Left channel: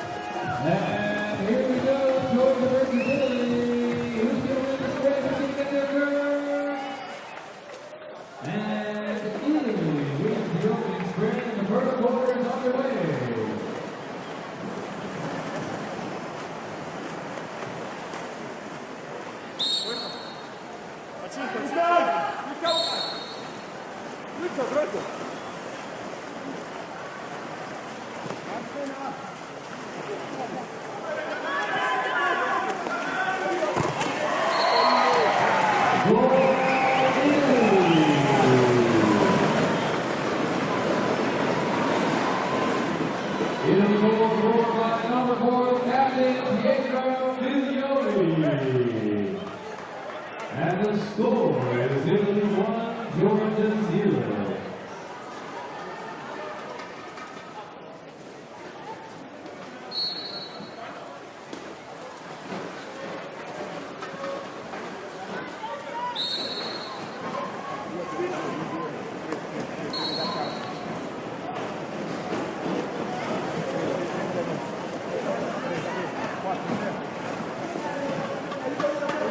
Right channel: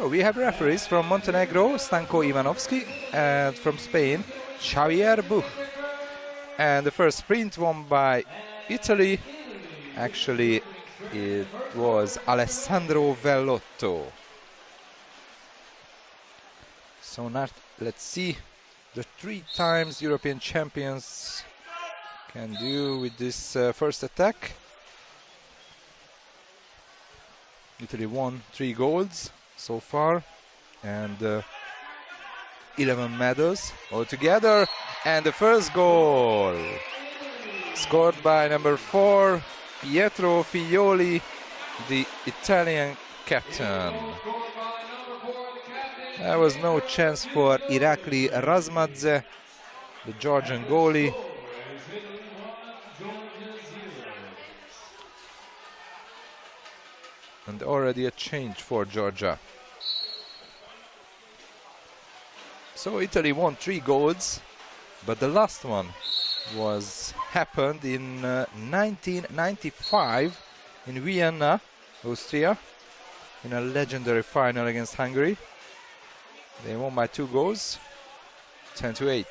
So we have referees from Montenegro, Stanko Ivanovski, and from Spain, Xavier Buch. And the first sprint won by Italy. Actually, it was Alessandro Vellotto. So now let's see the 3 times European champions can do with this first attack. Italy won 3 golds so far and 11 medals altogether. And the first goal scored by number 4, Pietro Figlioli, the Italian captain. There was no chance for Irakli Razmadze, the Georgian goalie. And already a change for Georgia. So Italy won 3 golds, but the last one happened in 1995 in Vienna, Austria, a legendary final against Hungary. They won by 2 goals, 10-8.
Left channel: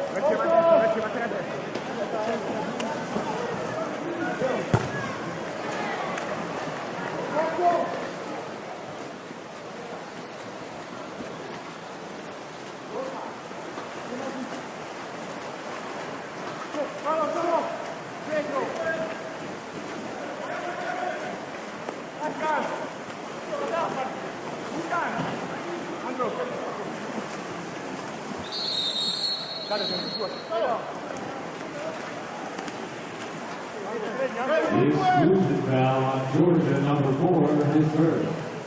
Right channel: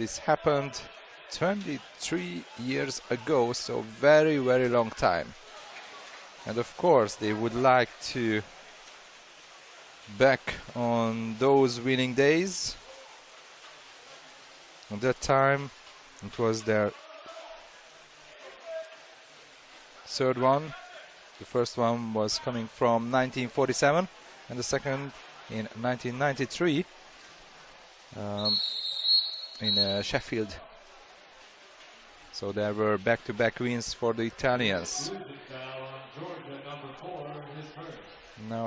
This happened 23 years ago, so very, very long time. And of course, they would like to back on those winning days. At that time, it was their 3rd one. The first one was coming from 1947, and the second in 1993 in Sheffield. So there were back-to-back wins for the Italians. Now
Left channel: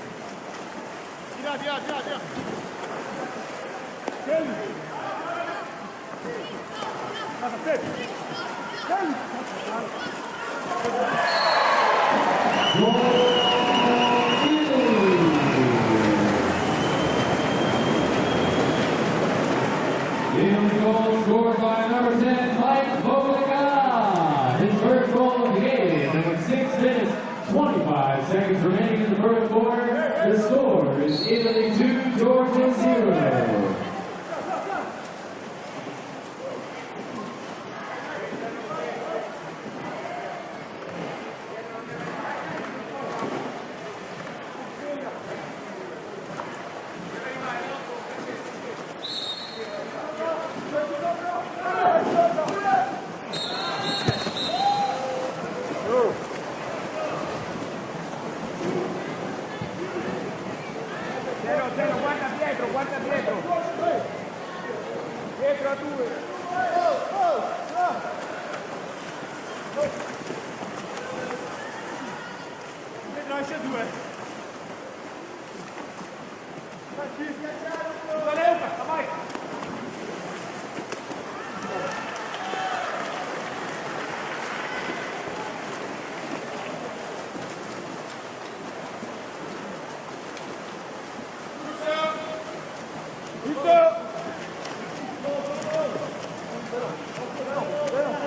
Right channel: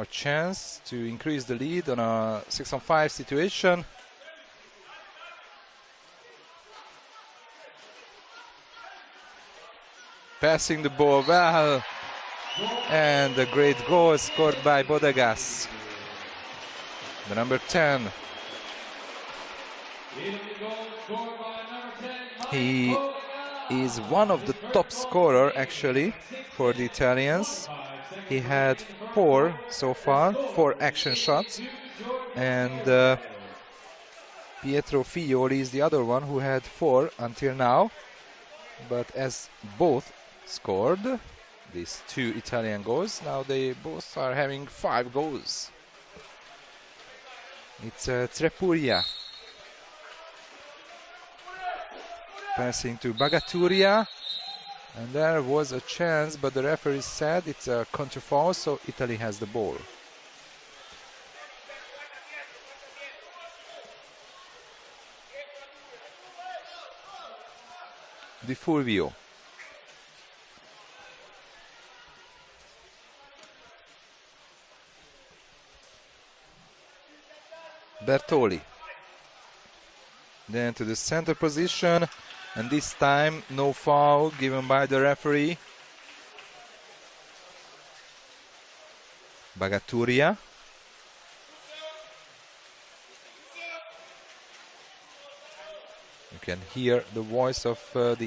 a chance to increase the lead on a 6-on-5 situation. Passing the ball down, and the great goal scored by Bodegas, number 10. He is one of the top scorers actually for the Italians. He had 4 so far, 4 action shots, and Pietro Figlioli is the other one who had 4 until now. But as both scored these 2 Italian goals, now they both are having 5 goals. It's Trepuria passing to Bagaturia. There was a chance, but the referee said it's a counterfoul, so Italy has the ball. Di Fulvio. Bertoli. Then to the center position, and this time no foul given by the referee. Bagaturia. You can hear the voice of the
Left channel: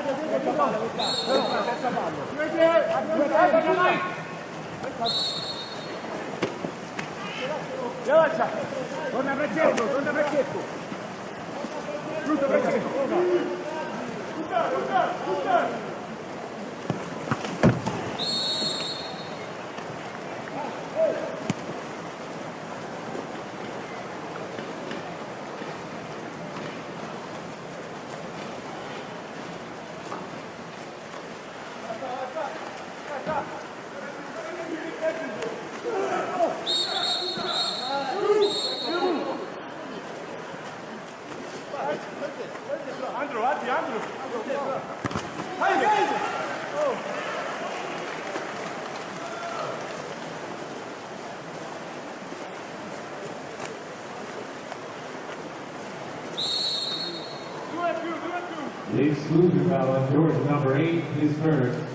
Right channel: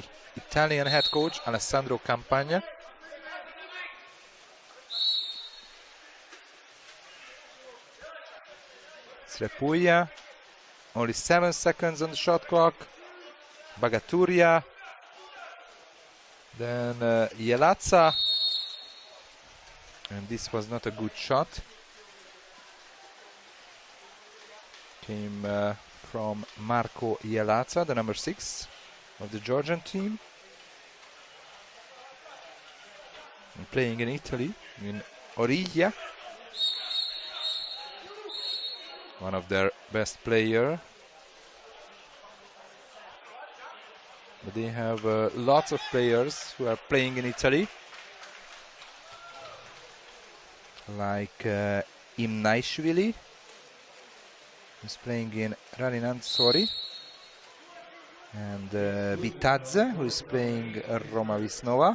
Italian head coach Alessandro Campagna. Trepuria, only 7 seconds on the shot clock. Bagaturia, then Jelazza, and this was not a good shot. From Marco Jelazza, the number 6 of the Georgian team. Playing in Italy, in Origlia. One of their best players. They have lots of players who are playing in Italy, like Imnaishvili, who's playing in Raninan Sori, and Vitadze, who's playing in Roma Vesnova.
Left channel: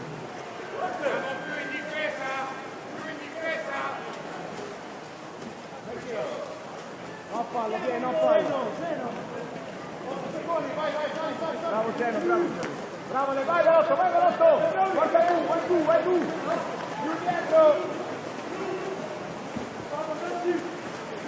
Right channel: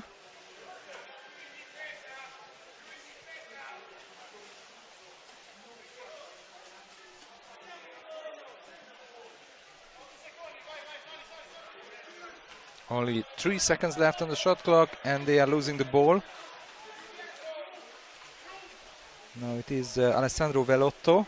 Only 3 seconds left on the shot clock, and they are losing the ball. It is Alessandro Velotto.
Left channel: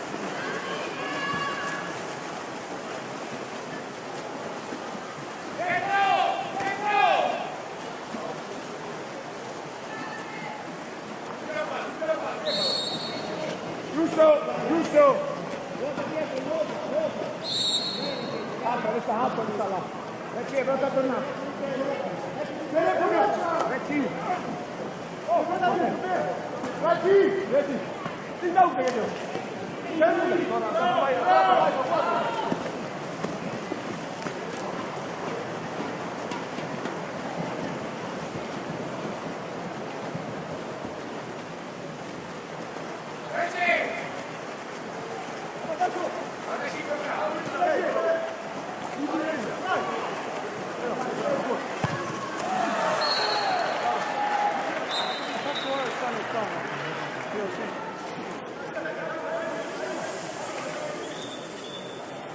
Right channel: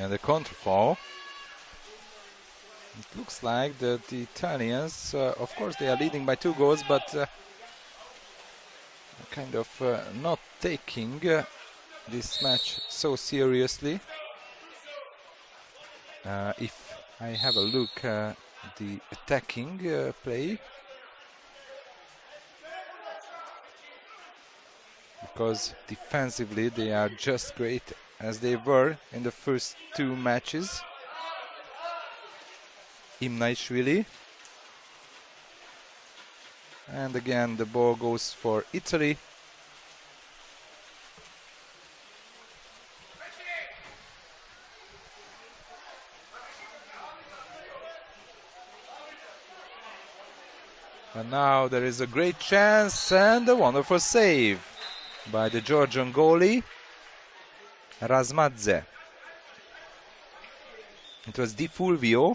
And the control. Looks like the Italians, of course, they are leading by 2 goals, but kind of not taking this match so seriously. If we have a look at the attacking play, because defensively they are just great as they were in the first 2 matches. Imnaishvili. And again the ball goes for Italy. Now there is a great chance and a wonderful save by the Georgian goalie Razmadze. It was Di Fulvio,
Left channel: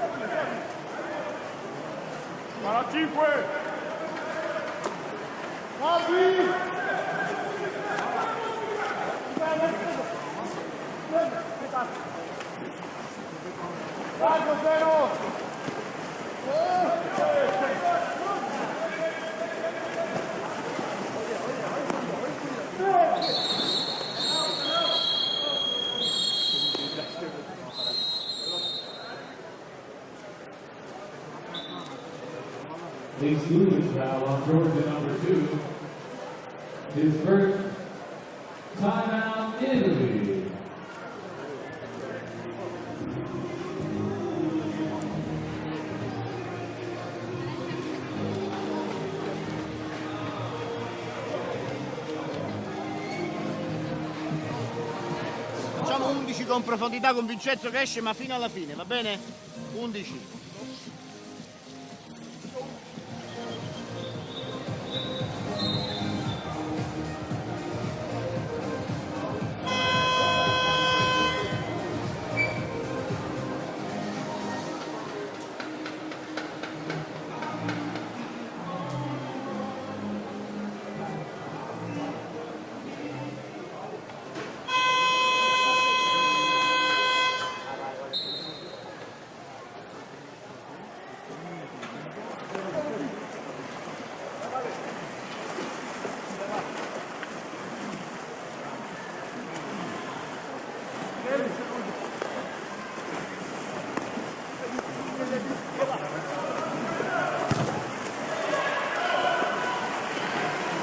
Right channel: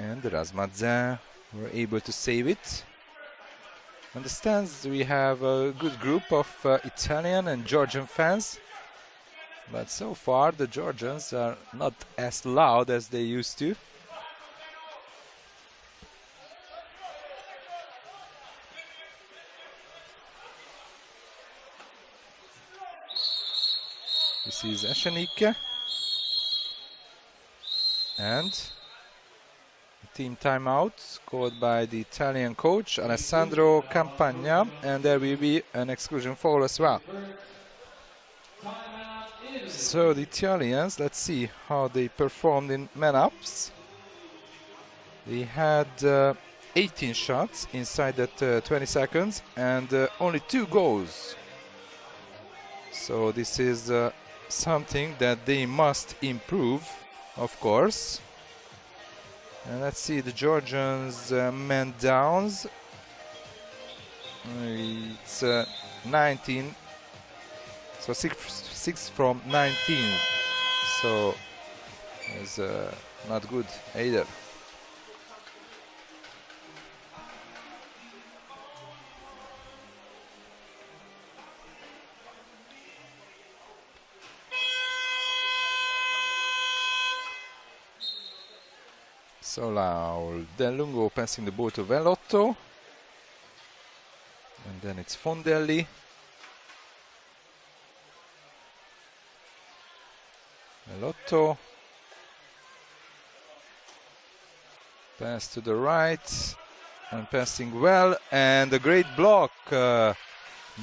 and Razmadze were able to save it. In the stands we have a good group of Italian and Georgian fans. But so far the Georgians are not as loud as they used to. This is Ashanik. And team timeout called by the Italian coach Alessandro Campagna, and there will be an exclusion foul as well. So the Italians, let's see how they performed in man-ups. They had 18 shots inside that 20 seconds and only 2 goals. So this is something that they must improve, of course. And let's see the Georgians man downs. It's 19, so 6 from 19. So it's not good either. So now Del Lungo passing the ball to Velotto, and then it's Fondelli. Velotto, pass to the right, and passing well, and a great block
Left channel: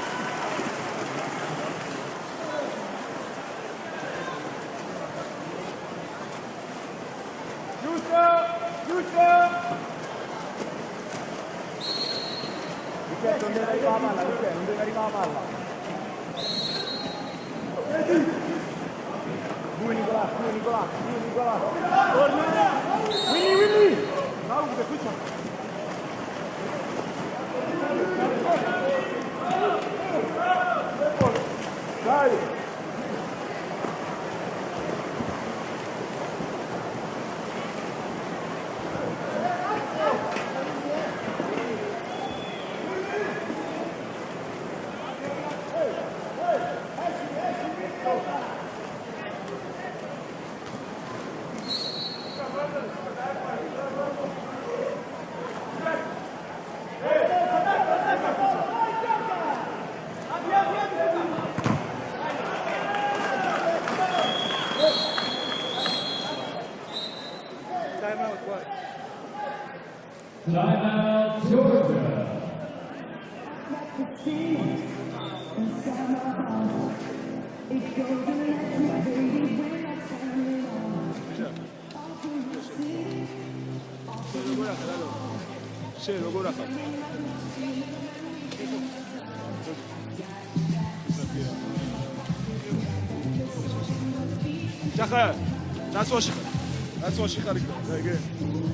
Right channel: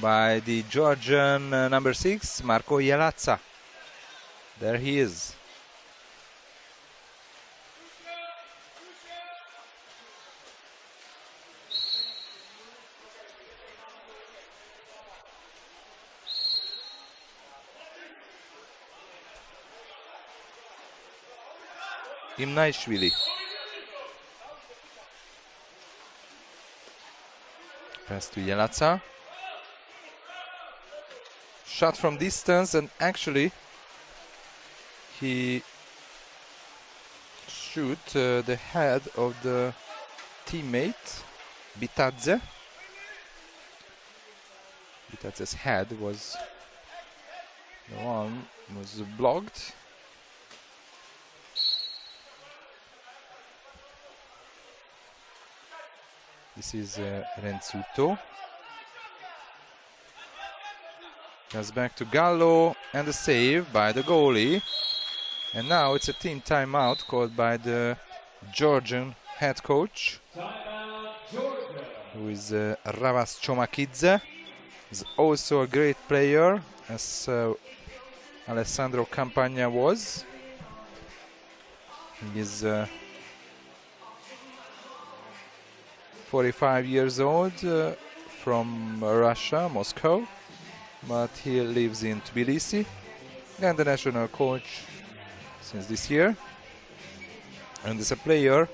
by the Georgian number 6, Marco Ialazza. There he is. Imnaishvili. Ialazza. Shot from distance, and actually he shoot the head of the teammate Vitadze. His head was blocked. This is Enzuto. Comes back to Gallo, and the save by the goalie. And now it's a team timeout called by the Georgian head coach. Is Ravas Chomakidze. He's also a great player, as Alessandro Campagna was. He is 45 years old, from Russia, Moscow, but he lives in Tbilisi, and the national coach this year. As a player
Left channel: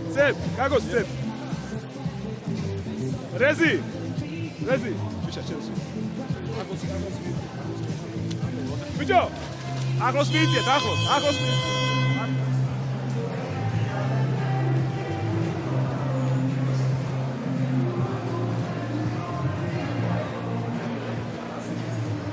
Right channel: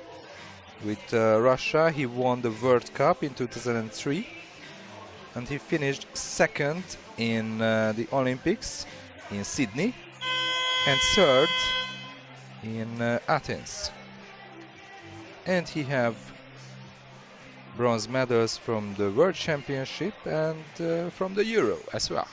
with Russia, he won the World Cup in 2003. And he finished second in the Olympics in Sydney and third in Athens. And he had bronze medals from the World Championship and from the Euro as well.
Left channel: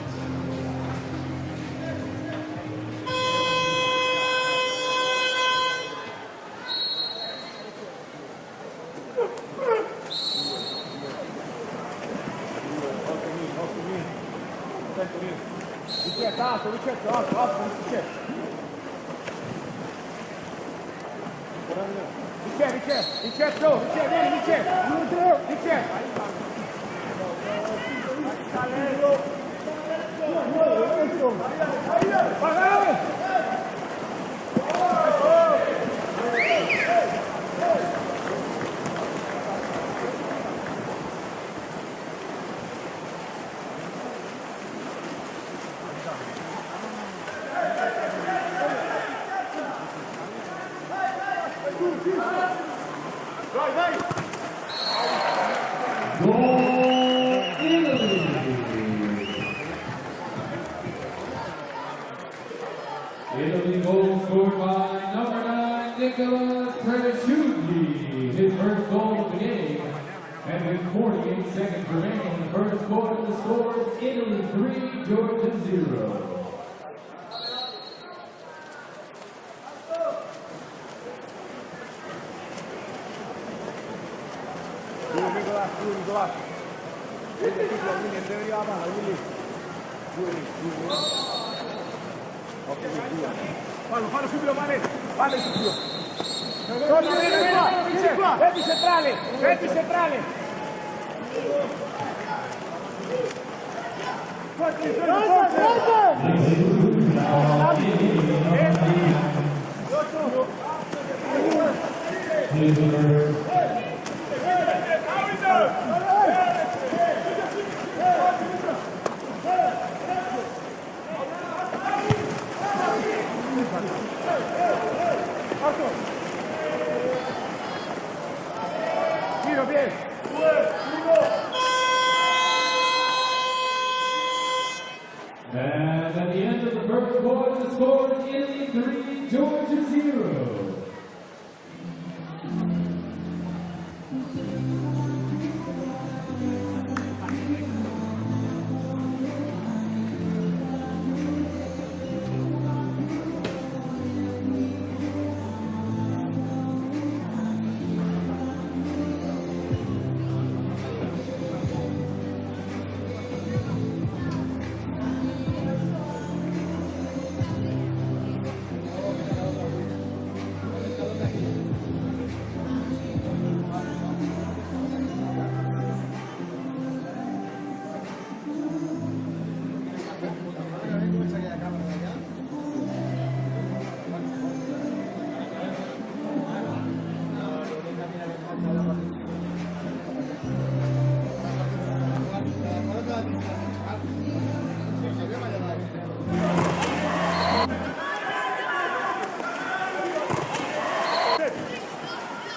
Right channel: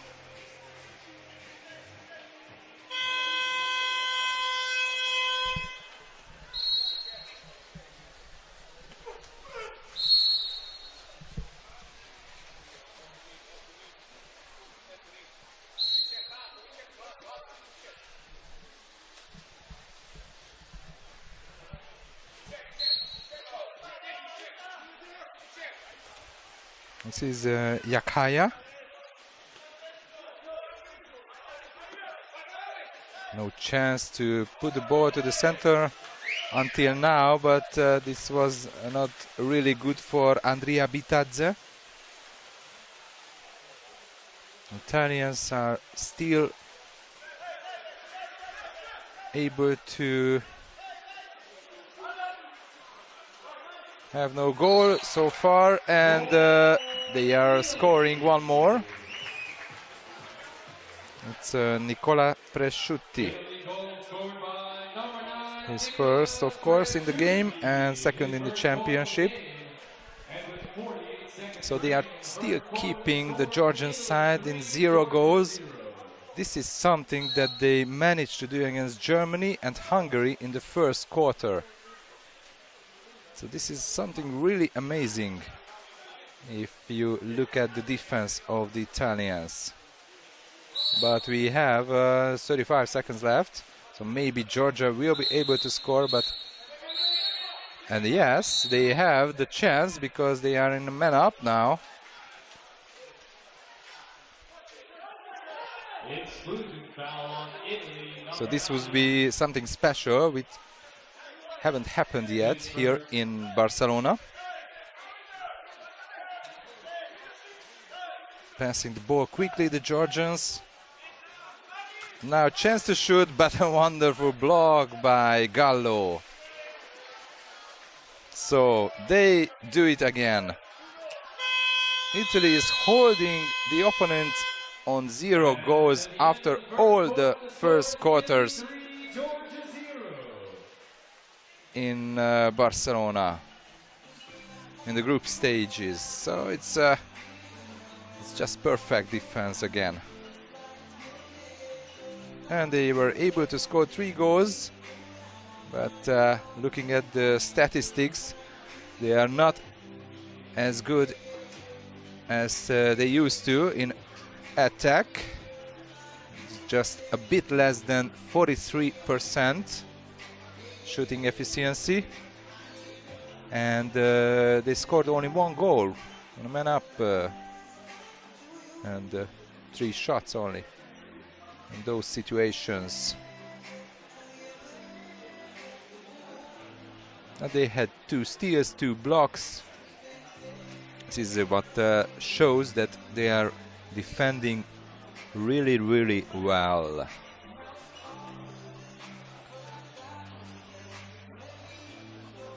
This is Yakaya. A chance to put the ball to the center until now, but this was not really good for Andrea Vitadze. Italians are still able to have no goal so far, and they are scoring one more. It's Nicola Presciutti. He's first, of course, in the game and second in the championship. So they are still keeping the Georgian side in 0 goals. This is something that they managed to do against Germany and Hungary in the first quarter. So this is something really amazing if you look at the defense of the Italians. But we have 35 seconds left. So maybe Georgia will be able to score, but and yes, they have the chance because they are in the man up now. So this would be something special, which haven't happened yet here in Barcelona. Passing the ball quickly, the Georgians. Now a chance to shoot, but a wonderful block by Gallo. So they do it again. Italy is holding the opponent on 0 goals after all the first quarters in Barcelona in the group stages. So it's just perfect defense again. And they were able to score 3 goals, but looking at the statistics, they are not as good as they used to in attack. Just a bit less than 43% shooting efficiency, and they scored only 1 goal, man up, and 3 shots only. Those situations. And they had 2 steals, 2 blocks. This is what shows that they are defending really, really well.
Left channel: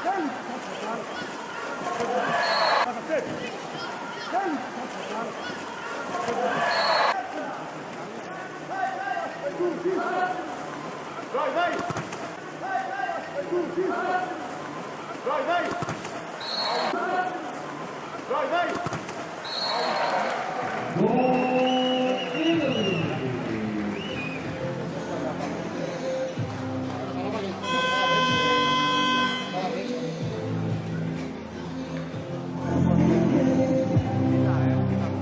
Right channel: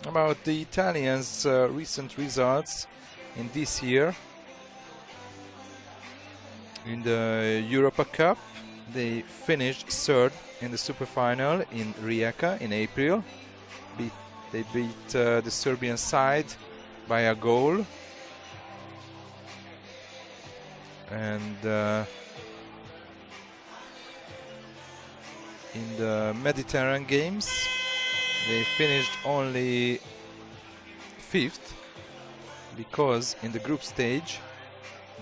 About the Italians' recent results this year in the Europa Cup. They finished 3rd in the super final in Rijeka in April. They beat the Serbian side by a goal. And, in the Mediterranean Games, they finished only 5th because in the group stage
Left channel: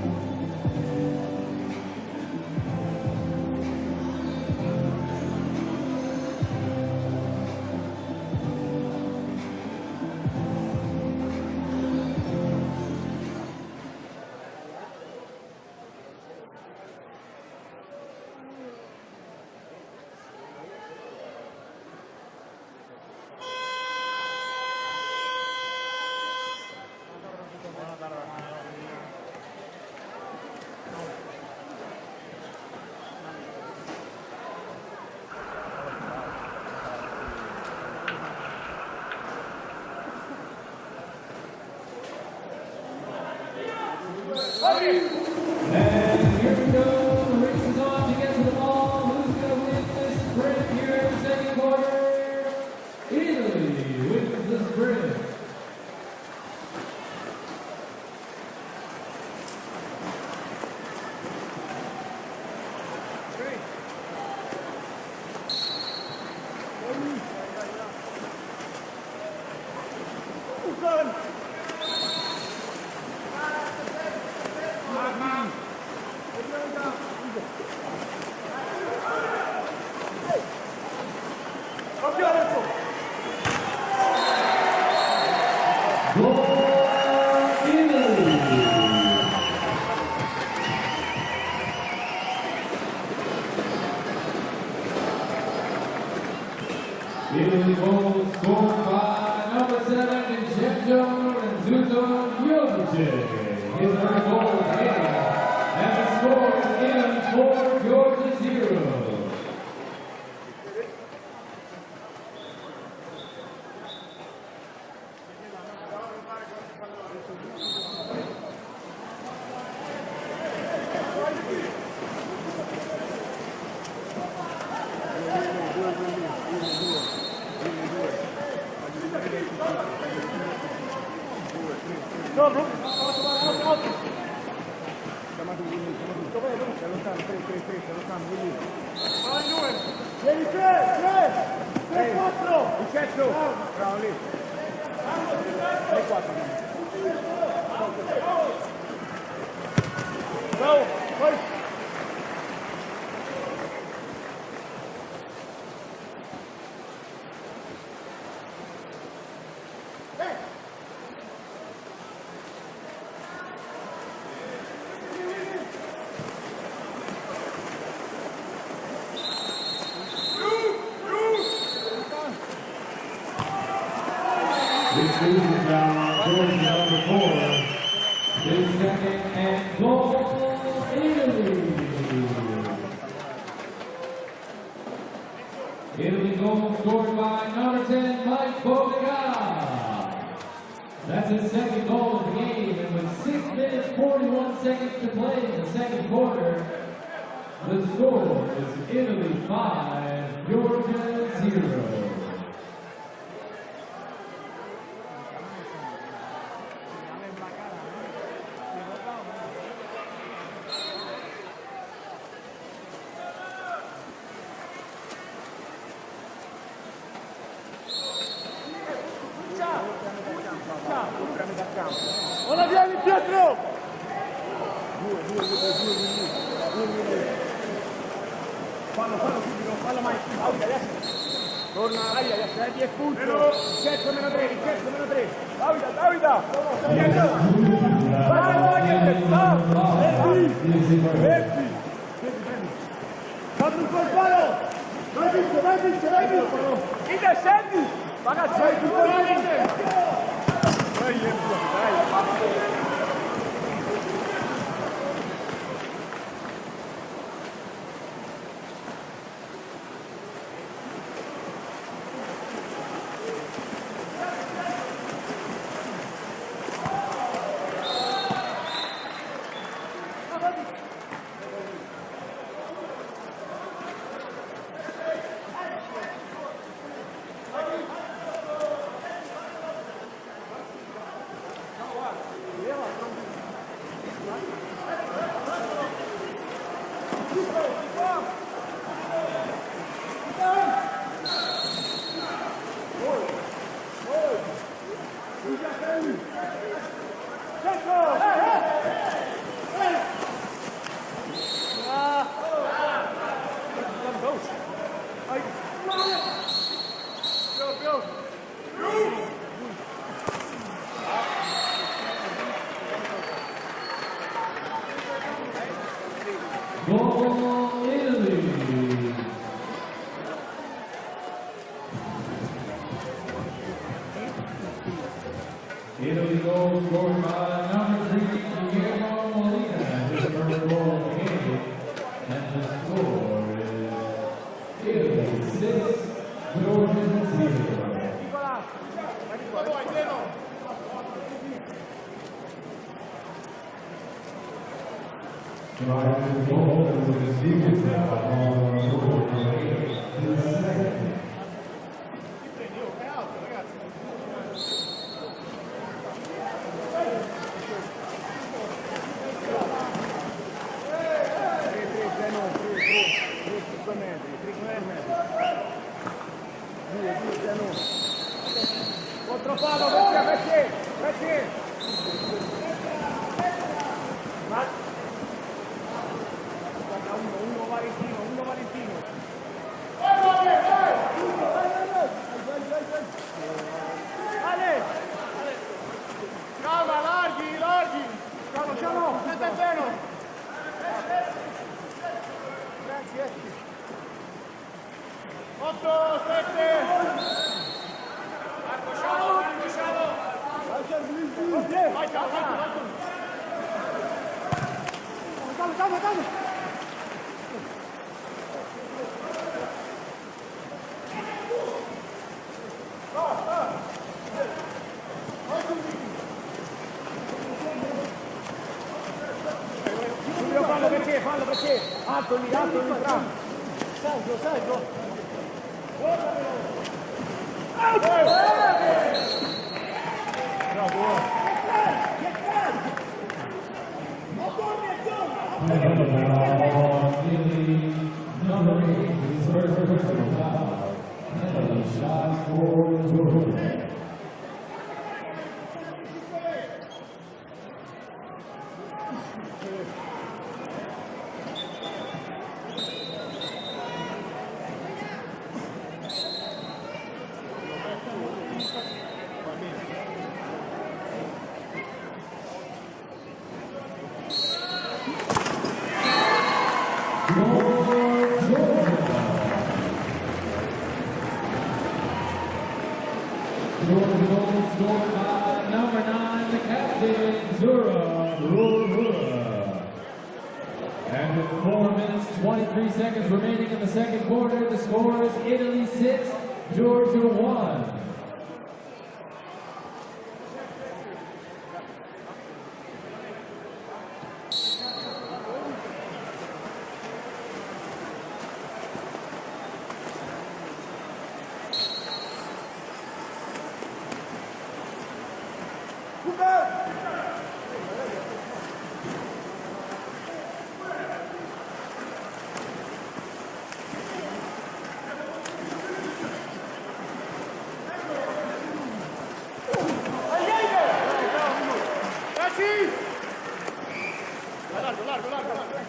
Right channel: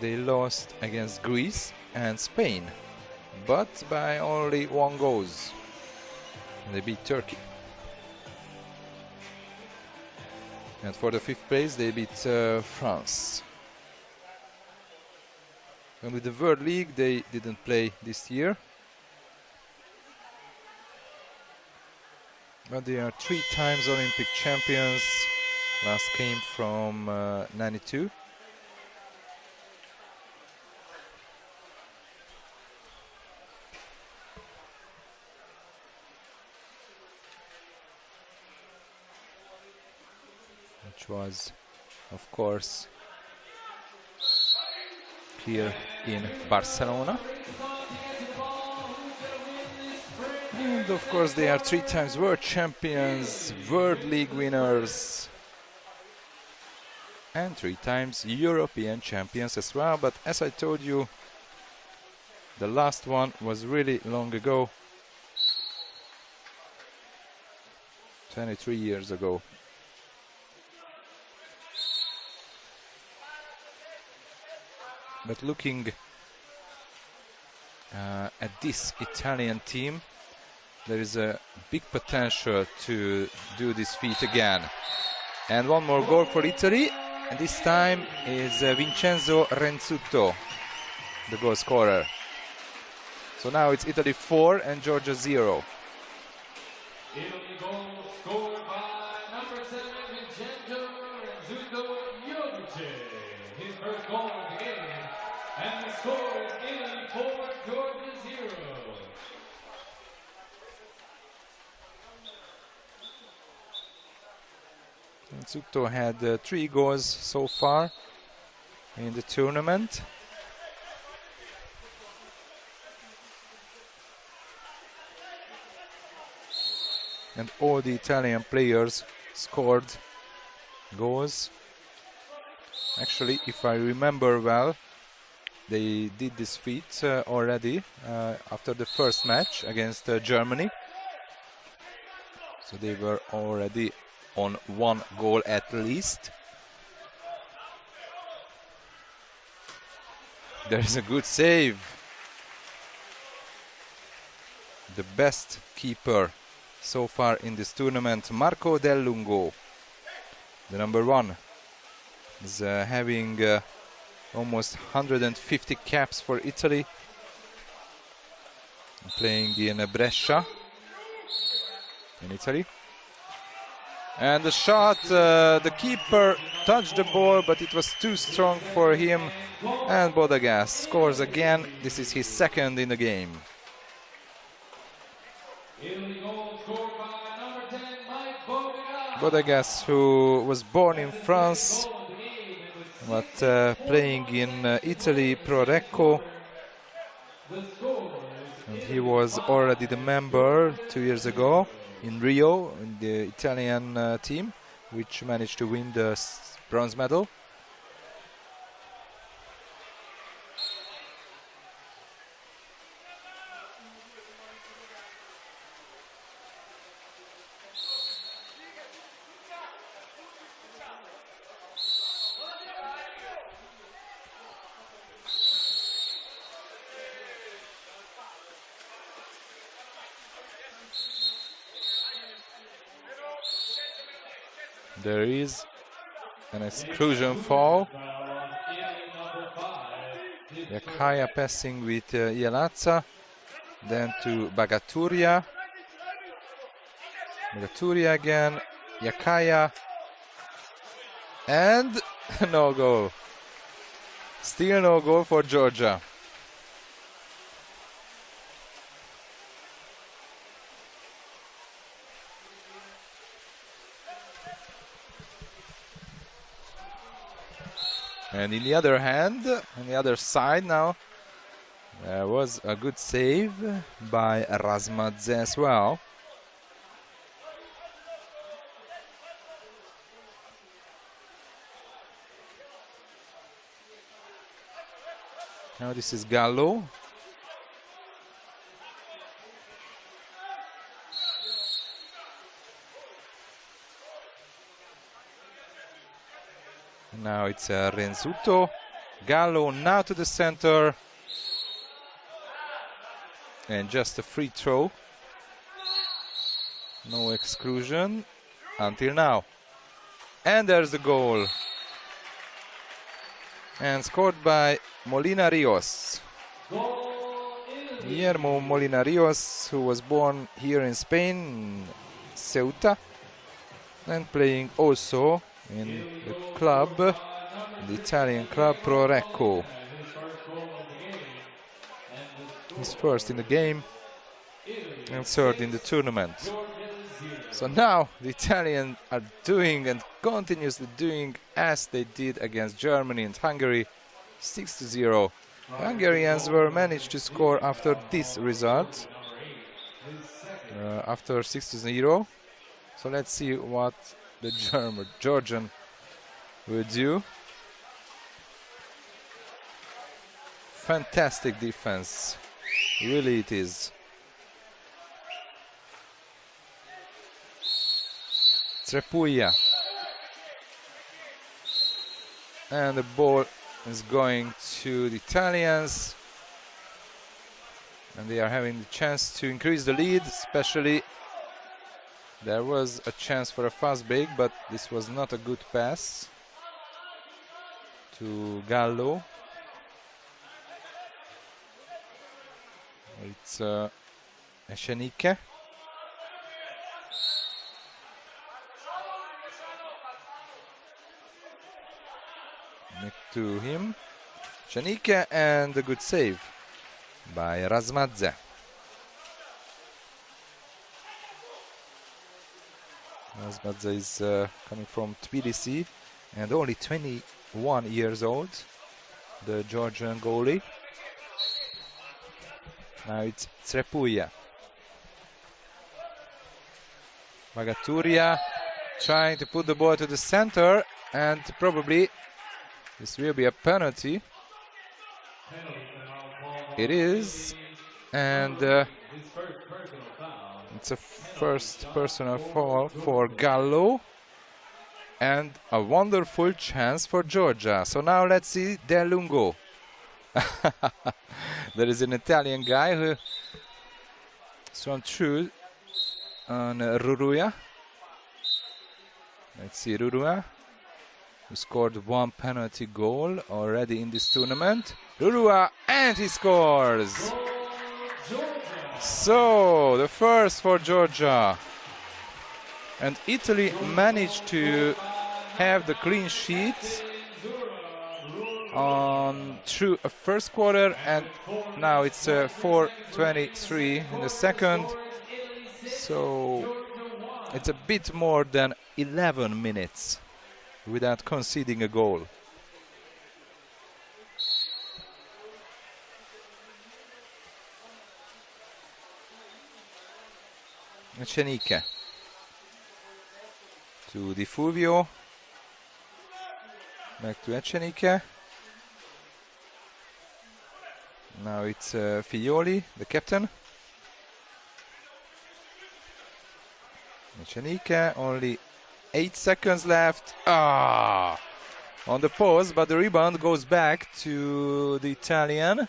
they lost against Greece and Spain, but by only 1 goal. They beat Turkey. And for the 5th place, they beat France. And with the World League, they didn't play this year. But they are 3 times Olympic champions. Last came from '92. course, here in Barcelona. And of course, they are 3 times world champions, World League winners, and 3 times European champions as well. But as I told you, the last one was really long ago, 23 years ago. But looking at this Italian team, there is a big potential to do this feat again. And one more goal for Italy. This time is Vincenzo Renzuto, the goal scorer. So now it's Italy 4 and Georgia 0. Number 7, Vincenzo Renzuto. And the score again for Georgia 0. Renzuto had 3 goals so far in the tournament. All the Italian players scored goals. Actually, if I remember well, they did this feat already after the first match against Germany. So they were already on 1 goal at least. There's a good save. The best keeper so far in this tournament, Marco Del Lungo, the number 1, is having almost 150 caps for Italy, playing in Brescia, in Italy. And the shot, the keeper touched the ball, but it was too strong for him, and Bodegas scores again. This is his 2nd in the game. Bodegas, who was born in France but playing in Italy Pro Recco. He was already the member 2 years ago in Rio in the Italian team, which managed to win the bronze medal. There is an exclusion foul. Higher passing with Ianazza, then to Bagaturia. Bagaturia again, Lekaya, and no goal. Still no goal for Georgia. On the other hand, on the other side now, there was a good save by Razmadze as well. Now this is Gallo. Now it's Renzuto. Gallo now to the center. And just a free throw. No exclusion until now. And there's the goal. And scored by Molina Rios. Guillermo Molina Rios, who was born here in Spain, Ceuta, and playing also in club, the Italian club Pro Recco. He's first in the game. insert in the tournament. So now the Italians are doing and continuously doing as they did against Germany and Hungary, 6-0. Hungarians were managed to score after this result, after 6-0. So let's see what the Georgian will do. Fantastic defense, really it is. Trepuia. And the ball is going to the Italians. They are having a chance to increase the lead, especially there was a chance for a fast break, but this was not a good pass to Gallo. It's Shenike. To him, Shenike, and a good save by Razmadze. Razmadze is coming from Tbilisi and only 21 years old. The Georgian goalie. Now it's Trepuia. Magaturia trying to put the ball to the center, and probably this will be a penalty. It is, and it's a first personal foul for Gallo, and a wonderful chance for Georgia. So now let's see De Lungo. There is an Italian guy who is on through on Ruruya. Let's see Ruruya. He scored one penalty goal already in this tournament. Ruruya, and he scores! So, the first for Georgia. And Italy managed to have the clean sheet through a first quarter, and now it's 4:23 in the second. So it's a bit more than 11 minutes without conceding a goal. Shenike to Di Fulvio, back to Shenike. Now it's Figlioli, the captain. Shenike, only 8 seconds left. On the post, but the rebound goes back to the Italian.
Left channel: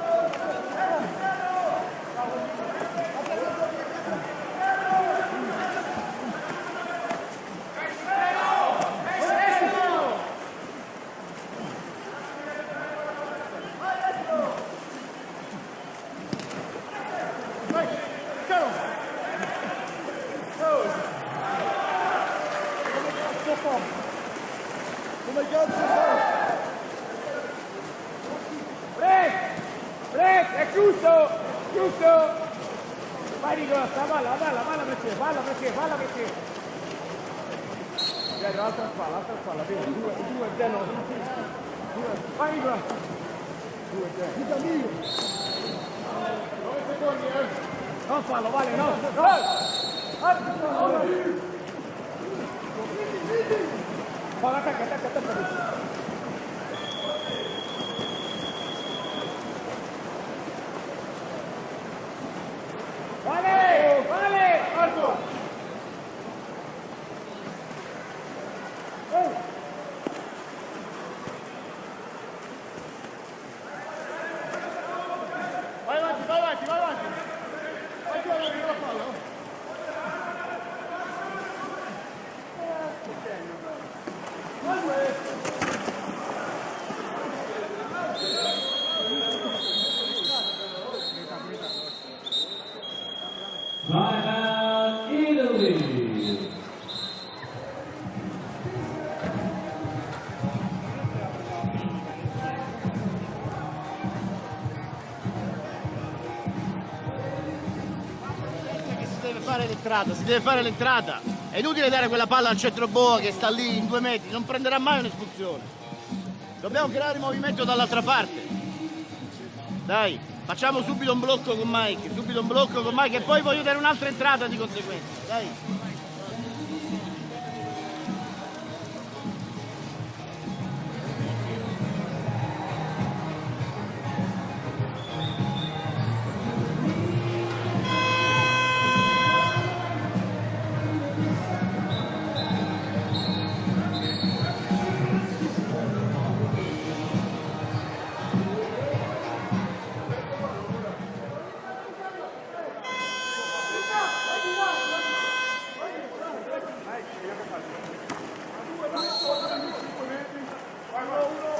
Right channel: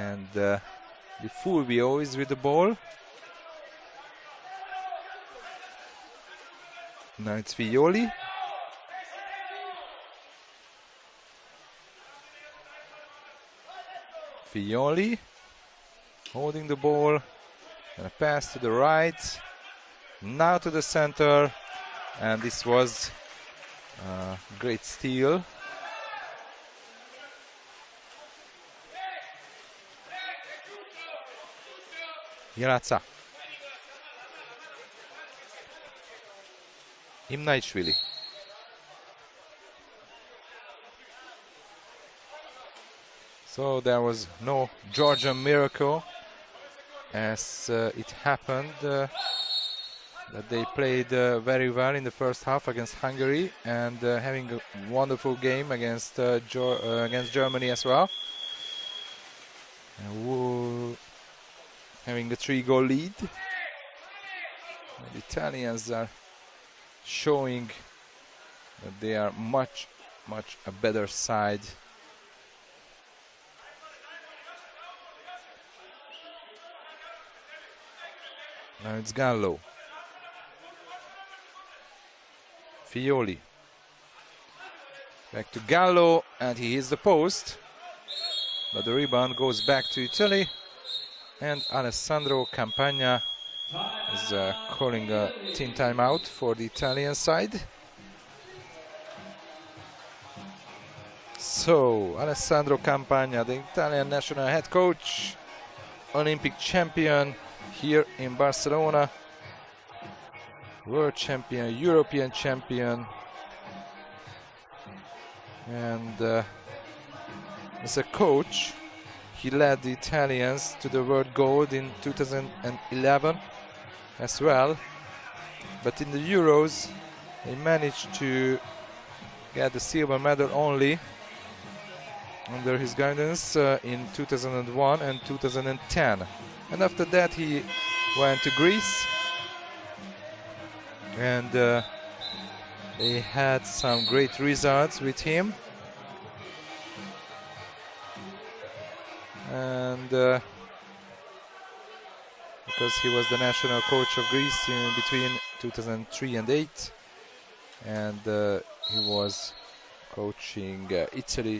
And Fulvio is with the ball. Now it's Figlioli. Figlioli holding the ball. A pass to the right. Now to the center. And this was a great steal. Grazia. Imnaishvili. So there was no Georgian miracle, as it happened. They played very well in the first half against Hungary, and having a wonderful game against Germany as well. Having the 3-goal lead. Italians are showing that they are much a better side. Now it's Gallo. Figlioli. Back to Gallo, and he hits the post. But the rebound goes back to Italy. And Alessandro Campagna is calling a team timeout for the Italian side. So, Alessandro Campagna, the Italian national head coach, Olympic champion here in Barcelona. Si deve fare l'entrata, si deve fare l'entrata. World champion, È inutile dare quella palla al European centroboa che sta lì in 2 metri, non prenderà mai un'espulsione. And Dobbiamo creare movimento as dall'altra a parte. coach, he led the Dai, Italians facciamo to the subito un world blocco gold con in Mike, subito un blocco con Mike e 2011. poi voglio dare un'altra entrata well. di conseguenza. Dai. But in the Euros, they managed to get the silver medal only under his guidance in 2001 and 2010. And after that, he went to Greece, and he had some great results with him. And because he was the national coach of Greece in between 2003 and 2008, and he was coaching Italy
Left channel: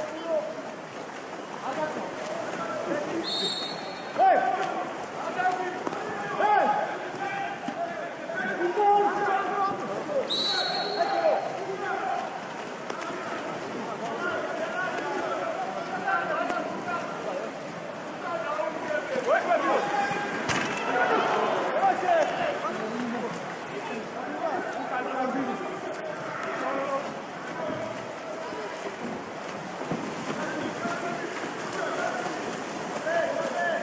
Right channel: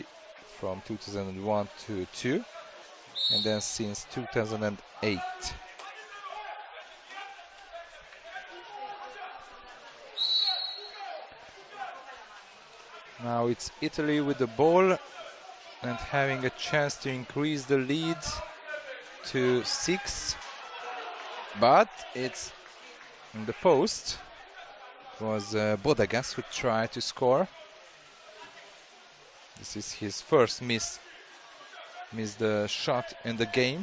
from 2001 to 2002, and then since 2008. Now it's Italy with the ball and having a chance to increase the lead to 6, but it's in the post. It was Bodegas who tried to score. This is his first miss the shot in the game.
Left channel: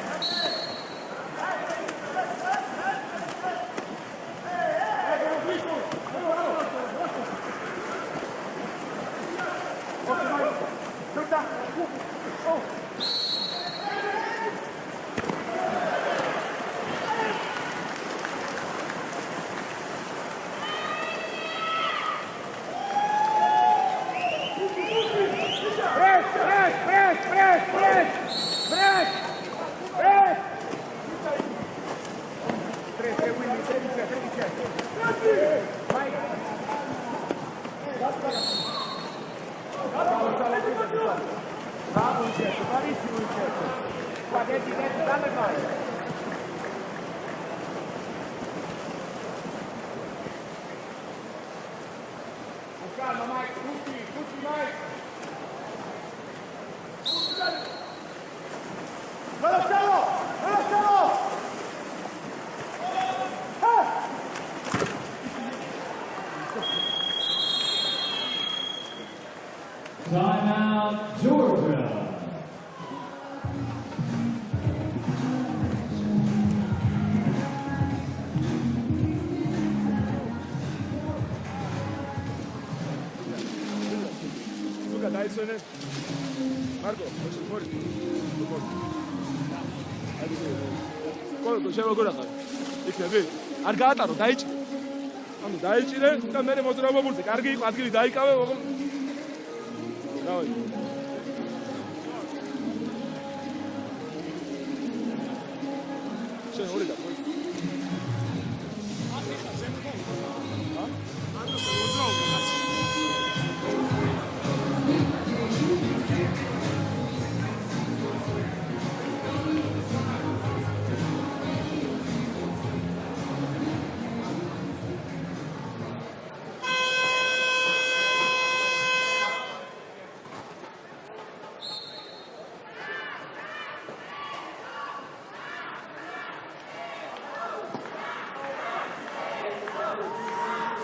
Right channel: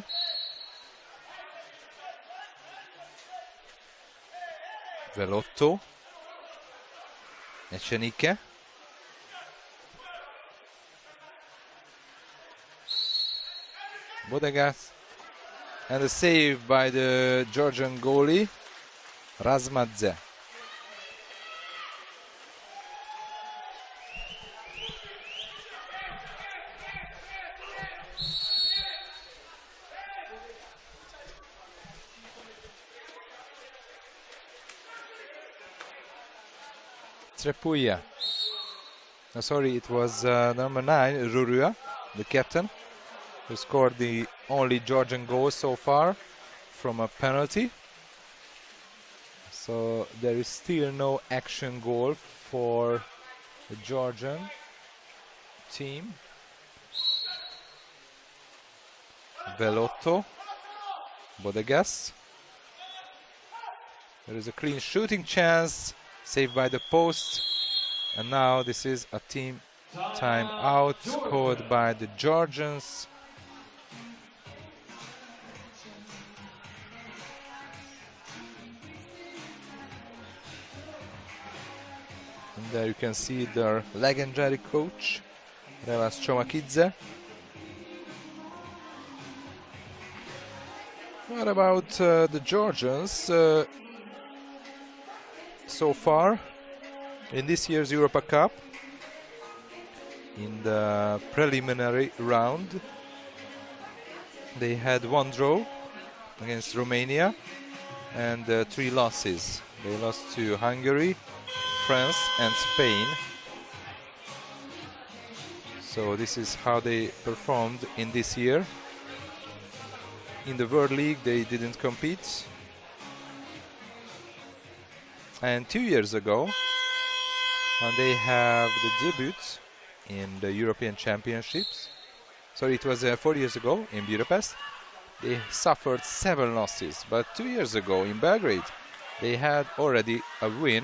Velotto, Ecenique. Bodegas, and a save by the Georgian goalie, Razmadze. Trepuia. Sorry, it was number 9, Rurua, the captain, who scored the only Georgian goal so far from a penalty. So there is still no action goal for the Georgian team. Belotto, Bodegas. There's a clean shooting chance, saved by the post. And now this is a team time out scored by the Georgians. There you can see their legendary coach, Nevas Chomakidze. What about the Georgians? So far in this year's Europa Cup, the preliminary round, they had 1 draw against Romania and 3 losses. They lost to Hungary, France and Spain. So this is how they performed in this year. In the World League they didn't compete. And 2 years ago, they have the debut in the European Championships. So it was 4 years ago in Budapest. They suffered 7 losses, but 2 years ago in Belgrade, they had already a win,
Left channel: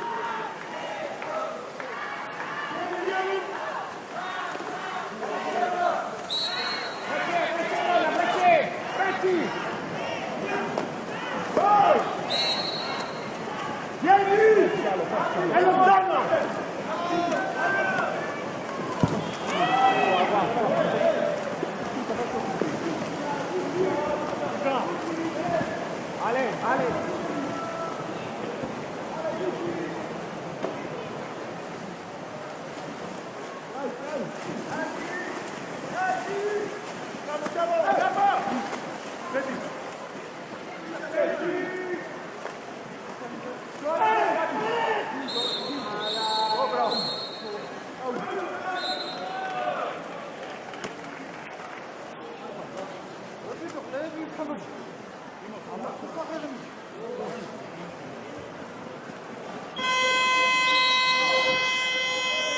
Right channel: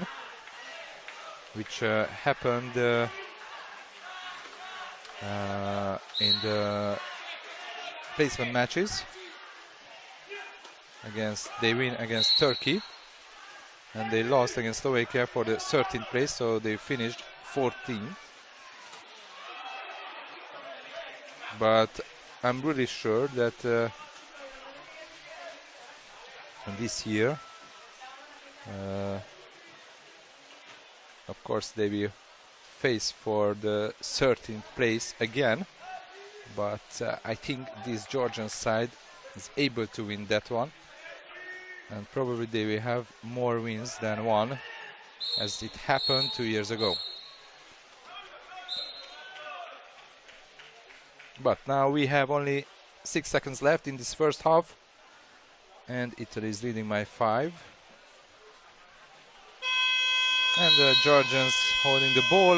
which happened in the placement matches. They win against Turkey. They lost against Slovakia for the 13th place, so they finished 14th. But I'm pretty sure that this year, of course, they will face for the 13th place again. But I think this Georgian side is able to win that one. And probably they will have more wins than one, as it happened 2 years ago. But now we have only 6 seconds left in this first half, and Italy is leading by 5. And the Georgians holding the ball,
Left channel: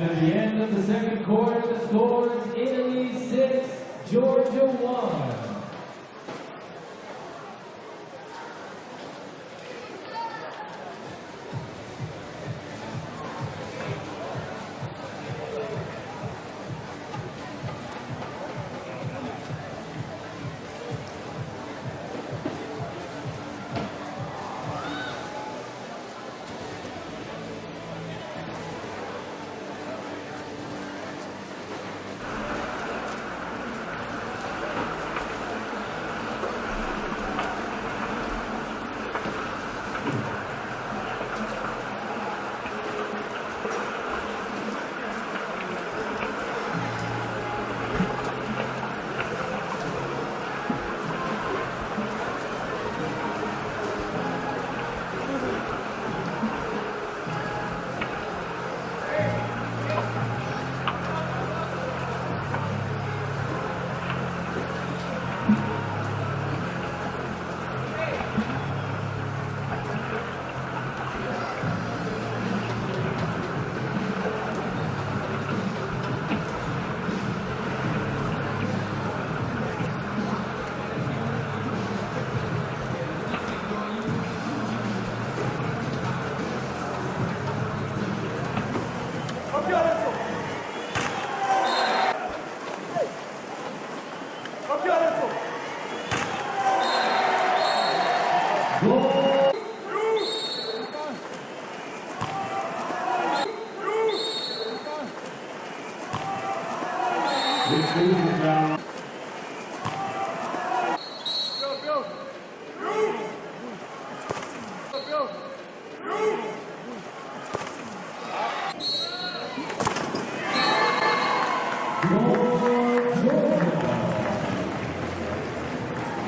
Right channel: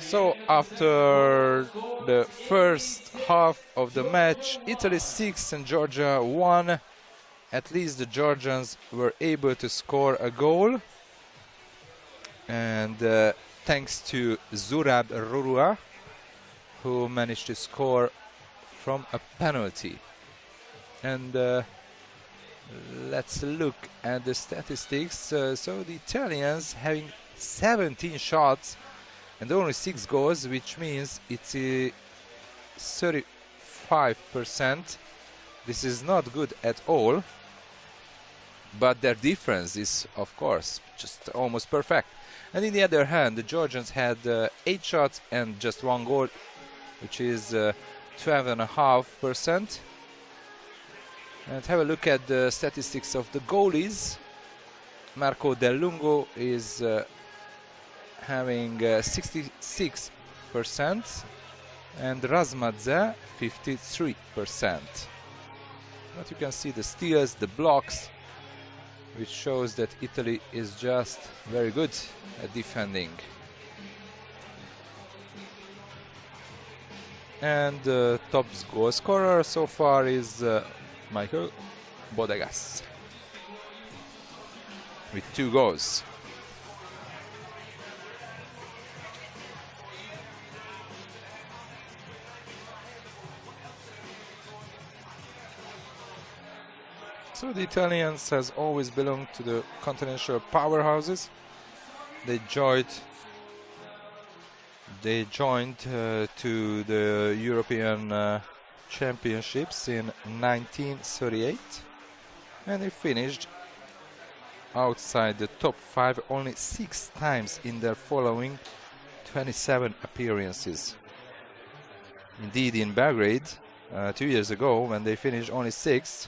So after the first half of the match, Italy 6 and Georgia 1. At least the Georgians were able to score a goal. And thanks to Zurab Rua, who managed to score from a penalty. And let's look at the statistics. So the Italians having 17 shots and only 6 goals, which means it's 35%. This is not good at all, but their defense is, of course, just almost perfect. And on the other hand, the Georgians had 8 shots and just 1 goal, which is 12.5%. Let's have a look at the statistics of the goalies. Marco Del Lungo is having 66%, and Razmadze 53%. As you can see, the steals, the blocks, which shows that Italy is just very good in defending. And the top goal scorer so far is Michael Bodegas with 2 goals. Italians has always belonged to the continental powerhouses. They joined to the European Championships in 1938, and they finished outside the top 5 only 6 times in their following 27 appearances. Indeed, in Belgrade 2 years ago, when they finished only 6th.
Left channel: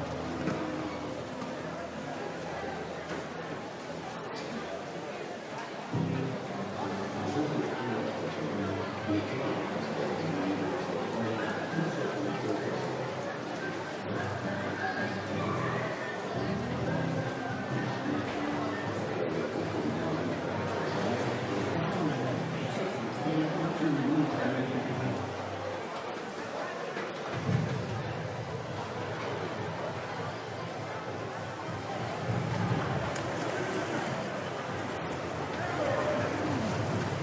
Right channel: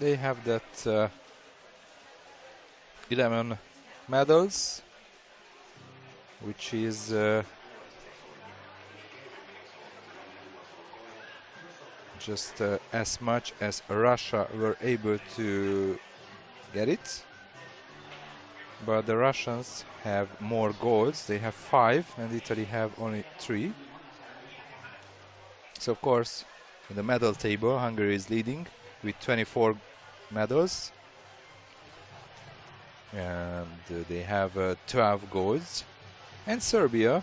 They have that 11 medals, which is just as much as Russia were able to get it. But the Russians have more goals. They have 5, and Italy have only 3. So of course, in the medal table, Hungary is leading with 24 medals. They have 12 goals, and Serbia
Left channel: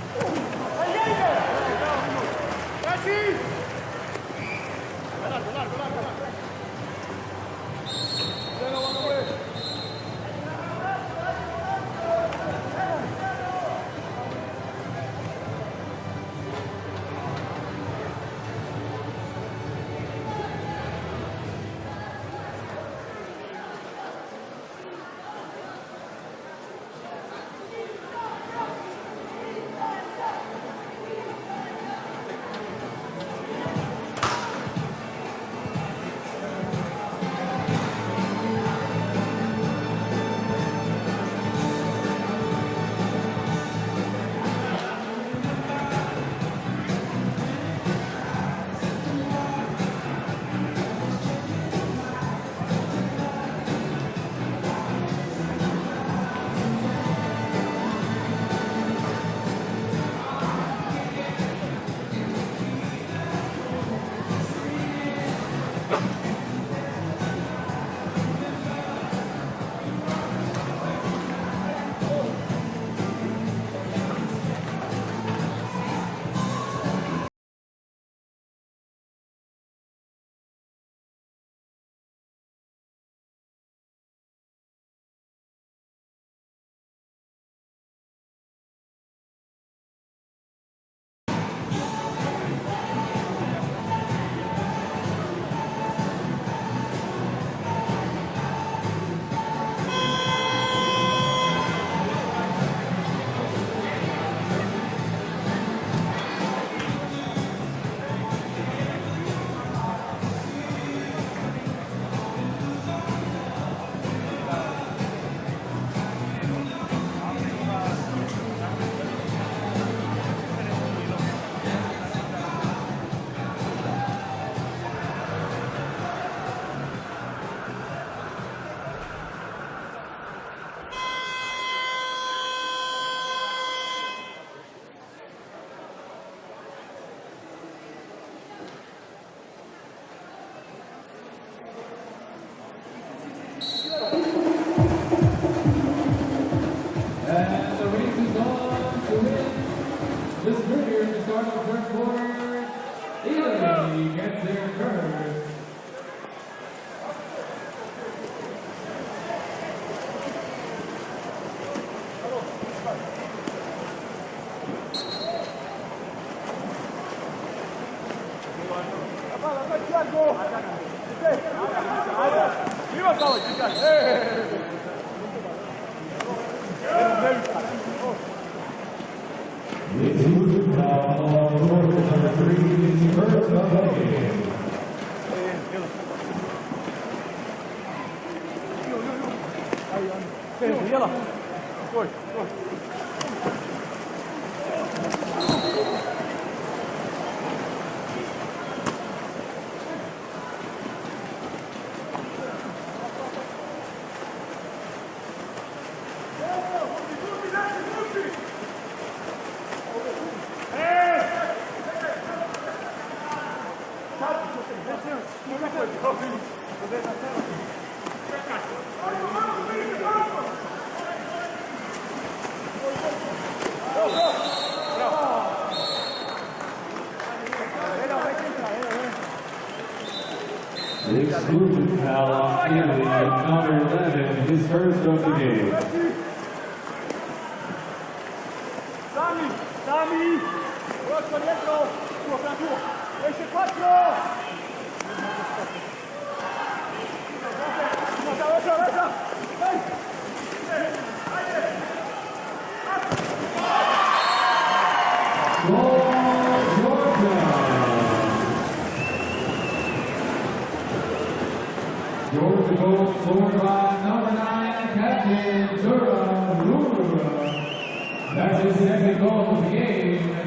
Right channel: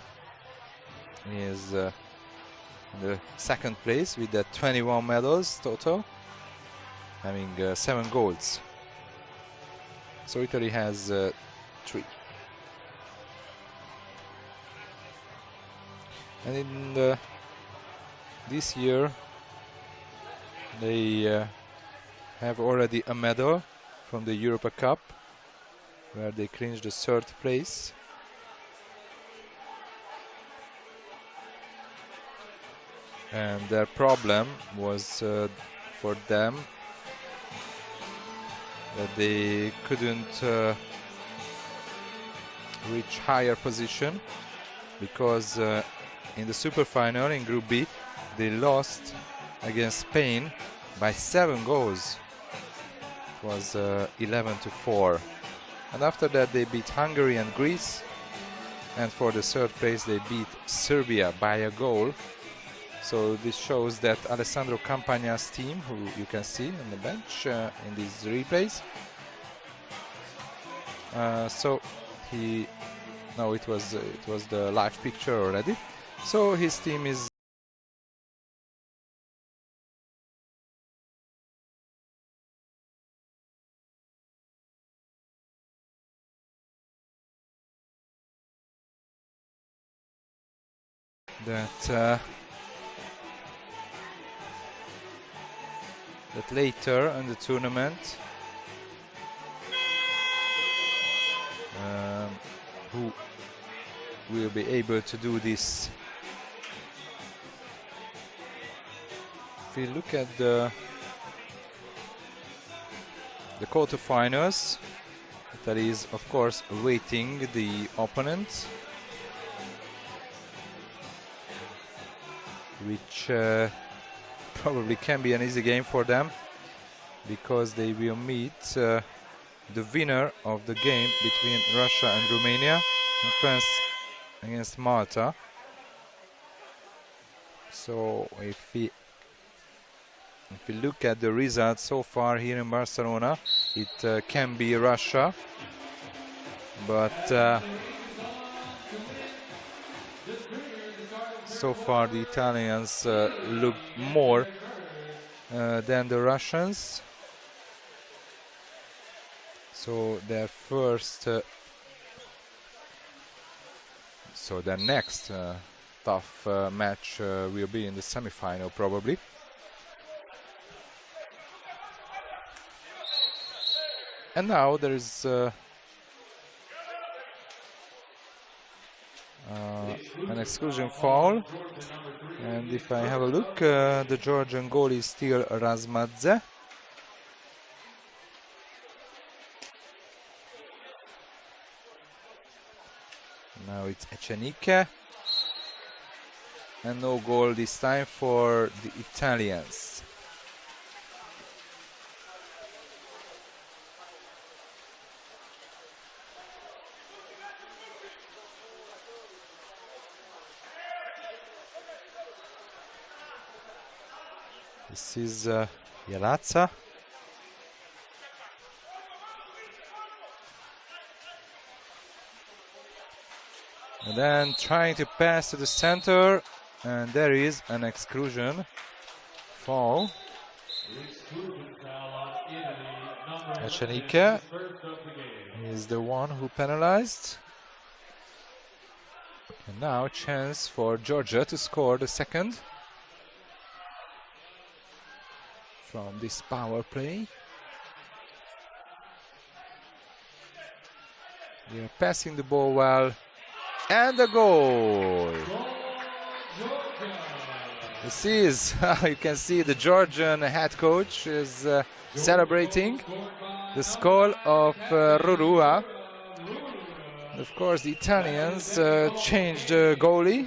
has second place with 21 medals total, having 7 goals. So Italy has 3. And this year they have already a medal from the Europa Cup, where they clinched the 3rd place. And the problem was for them that they couldn't reach higher position, because in the super final in Group B they lost against Spain by 7 goals. It was 11-4. And after that they beat Hungary and Greece, and for the 3rd place they beat Serbia by a goal. So this shows that Alessandro Campagna's team, you can see, bench is replaced. So no, it was the live picture already. So his team is later in the tournament. We'll be able to do this. We look at the quarterfinals. That is, of course, waiting the opponent, which probably can be an easy game for them because they will meet the winner of the game between Russia and Romania and France against Malta. So if we look at the results so far here in Barcelona, it can be Russia, but so far the Italians look more than the Russians. So their first, so their next tough match will be in the semi-final probably. And now there's exclusion foul. Look, the Georgian goalie is still Razmadze. Chenike. No goal this time for Italians. This is Razza. And trying to pass to the center, and there is an exclusion foul. Chenike is the one who penalized. Now a chance for Georgia to score the second. From this penalty. Passing the ball well, and the goal! You can see the Georgian head coach is celebrating the score of Rorua. Of course, the Italians changed the goalie.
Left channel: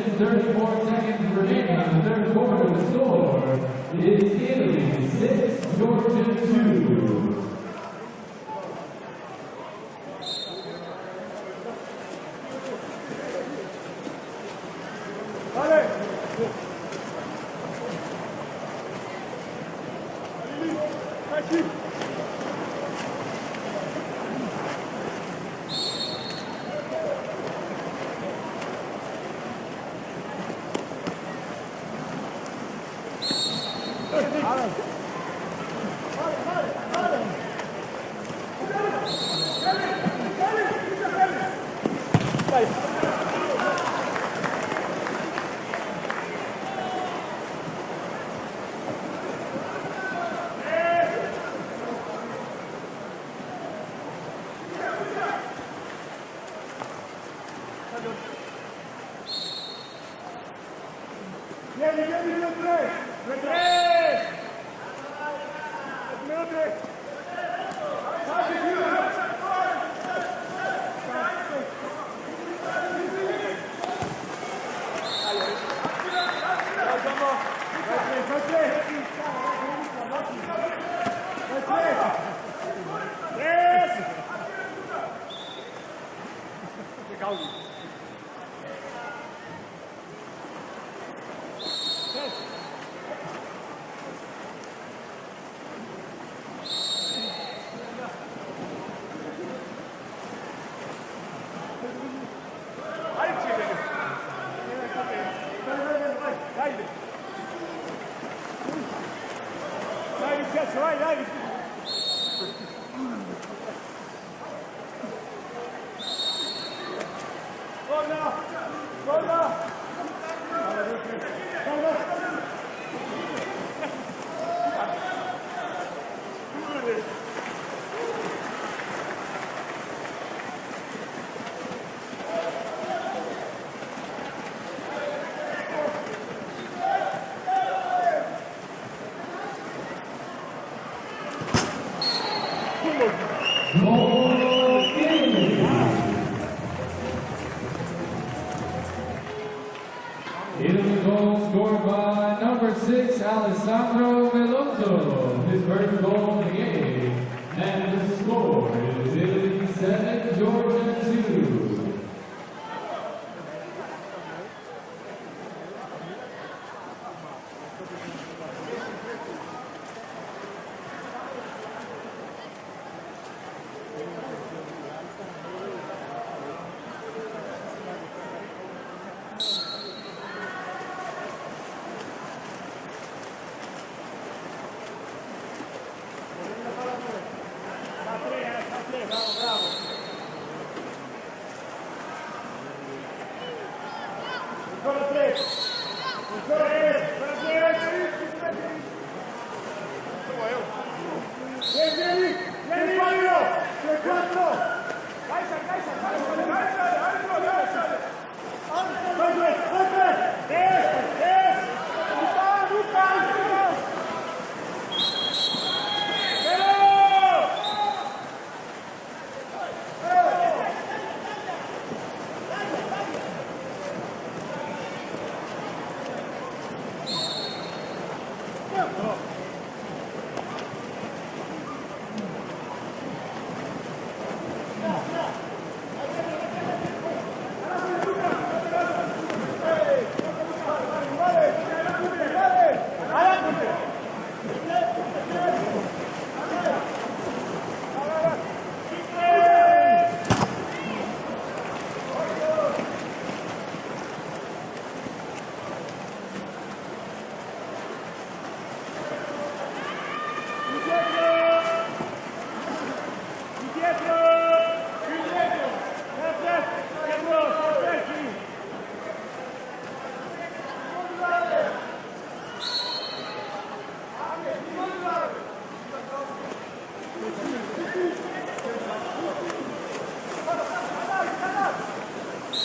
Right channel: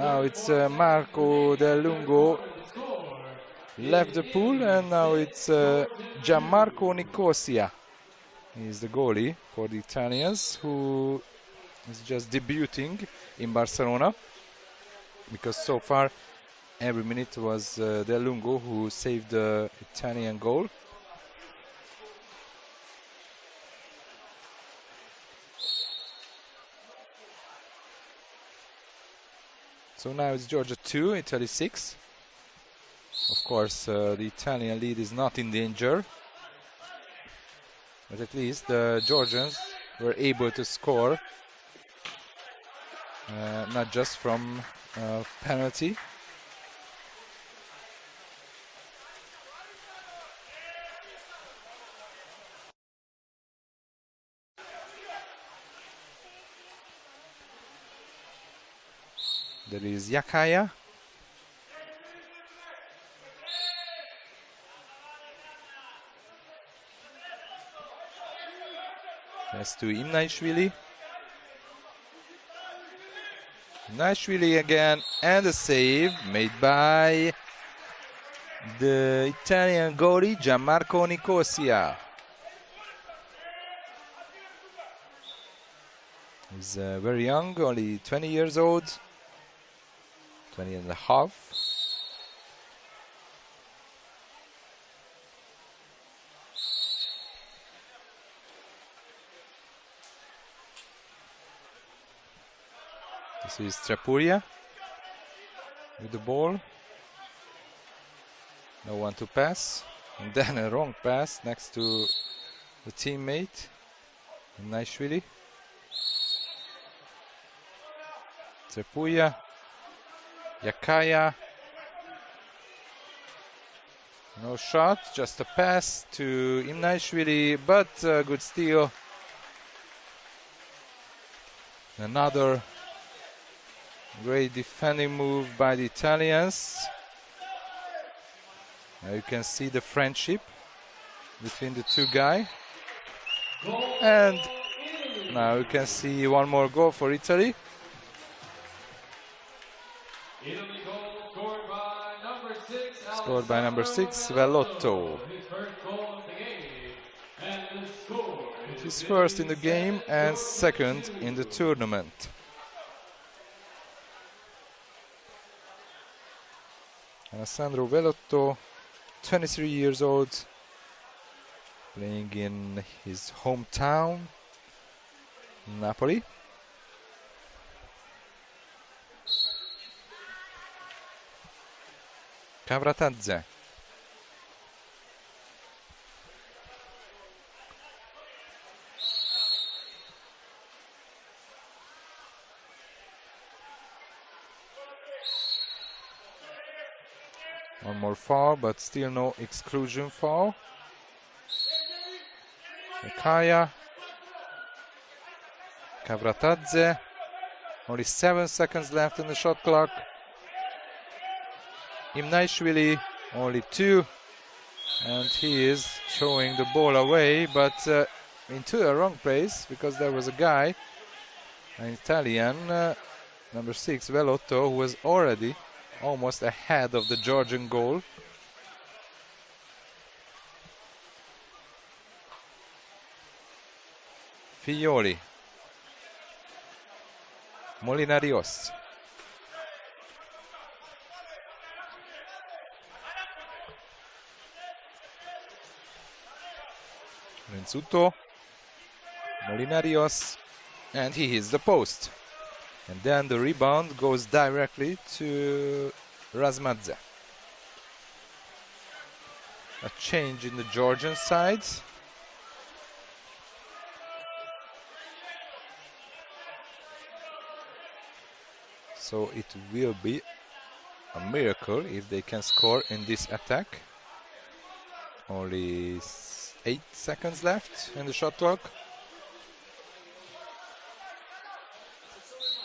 Now it's Marco Del Lungo left the pool, and now it's Gianmarco Nicosia. He's the goalie for the Italians, who is just debuting in Barcelona, because so far every minute was Del Lungo who saved the Italian goal. So now it's Georgia 2, Italy 6. Of course, the Italian lead is not in danger. At least the Georgians were able to score, not just from penalty. There is Yakaya. To Inaishvili. Inaishvili again, and a save made by the Italian goalie Gianmarco Nicosia. He's very young, only 20 years old, 20 and a half. Trakuria, the ball, no one to pass, and then a wrong pass next to the teammate, Naishvili. Trakuria, Yakaya, no shot, just a pass to Naishvili, but good steal. Another great defending move by the Italians. You can see the friendship between the two guys. And now you can see one more goal for Italy. It is a goal scored by number 6, 6, Velotto. He's first in the game and second in the tournament. Alessandro Velotto, 23 years old, playing in his hometown in Napoli. Kavratadze. One more foul, but still no exclusion foul. Kaya. Kavratadze. Only 7 seconds left in the shot clock. Imnaishvili, only 2. And he is throwing the ball away, but into a wrong place because there was a guy, an Italian, number 6, Velotto, who was already almost ahead of the Georgian goal. Pioli. Molinarios. Zuto. Molinarios. And he hits the post. Then the rebound goes directly to Razmadze. A change in the Georgian side. So it will be a miracle if they can score in this attack. Only 8 seconds left in the shot clock.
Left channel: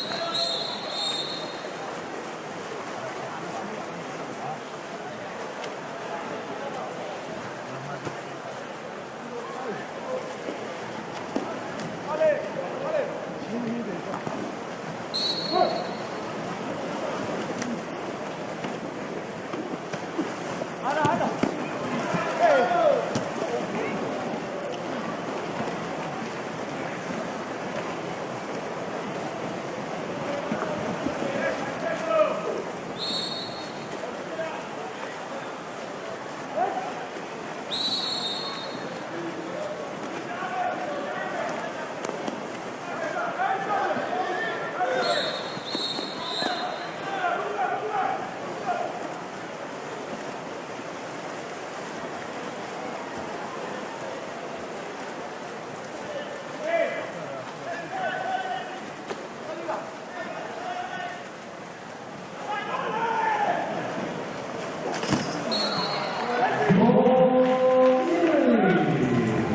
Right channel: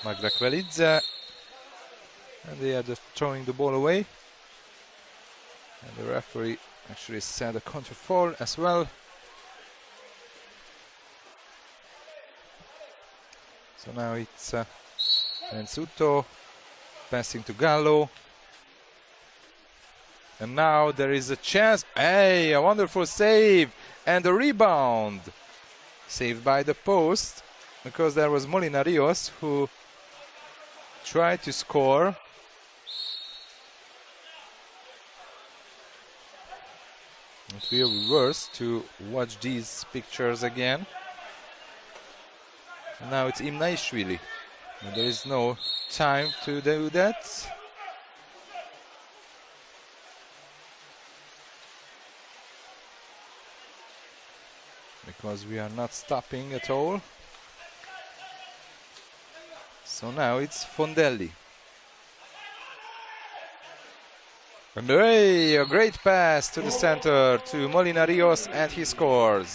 Margakvelidze. They are just throwing the ball away. The referee actually said a counter call as well. So now it's Mazzuto passing to Gallo. And now there is a chance. Hey, a wonderful save. And the rebound. Saved by the post. Because there was Molinarios who tried to score. It feels worse to watch these pictures again. Now it's Imnaishvili. There is no time to do that. Because we are not stopping at all. So now it's Fondelli. And hey, a great pass to the center to Molinarios, and he scores.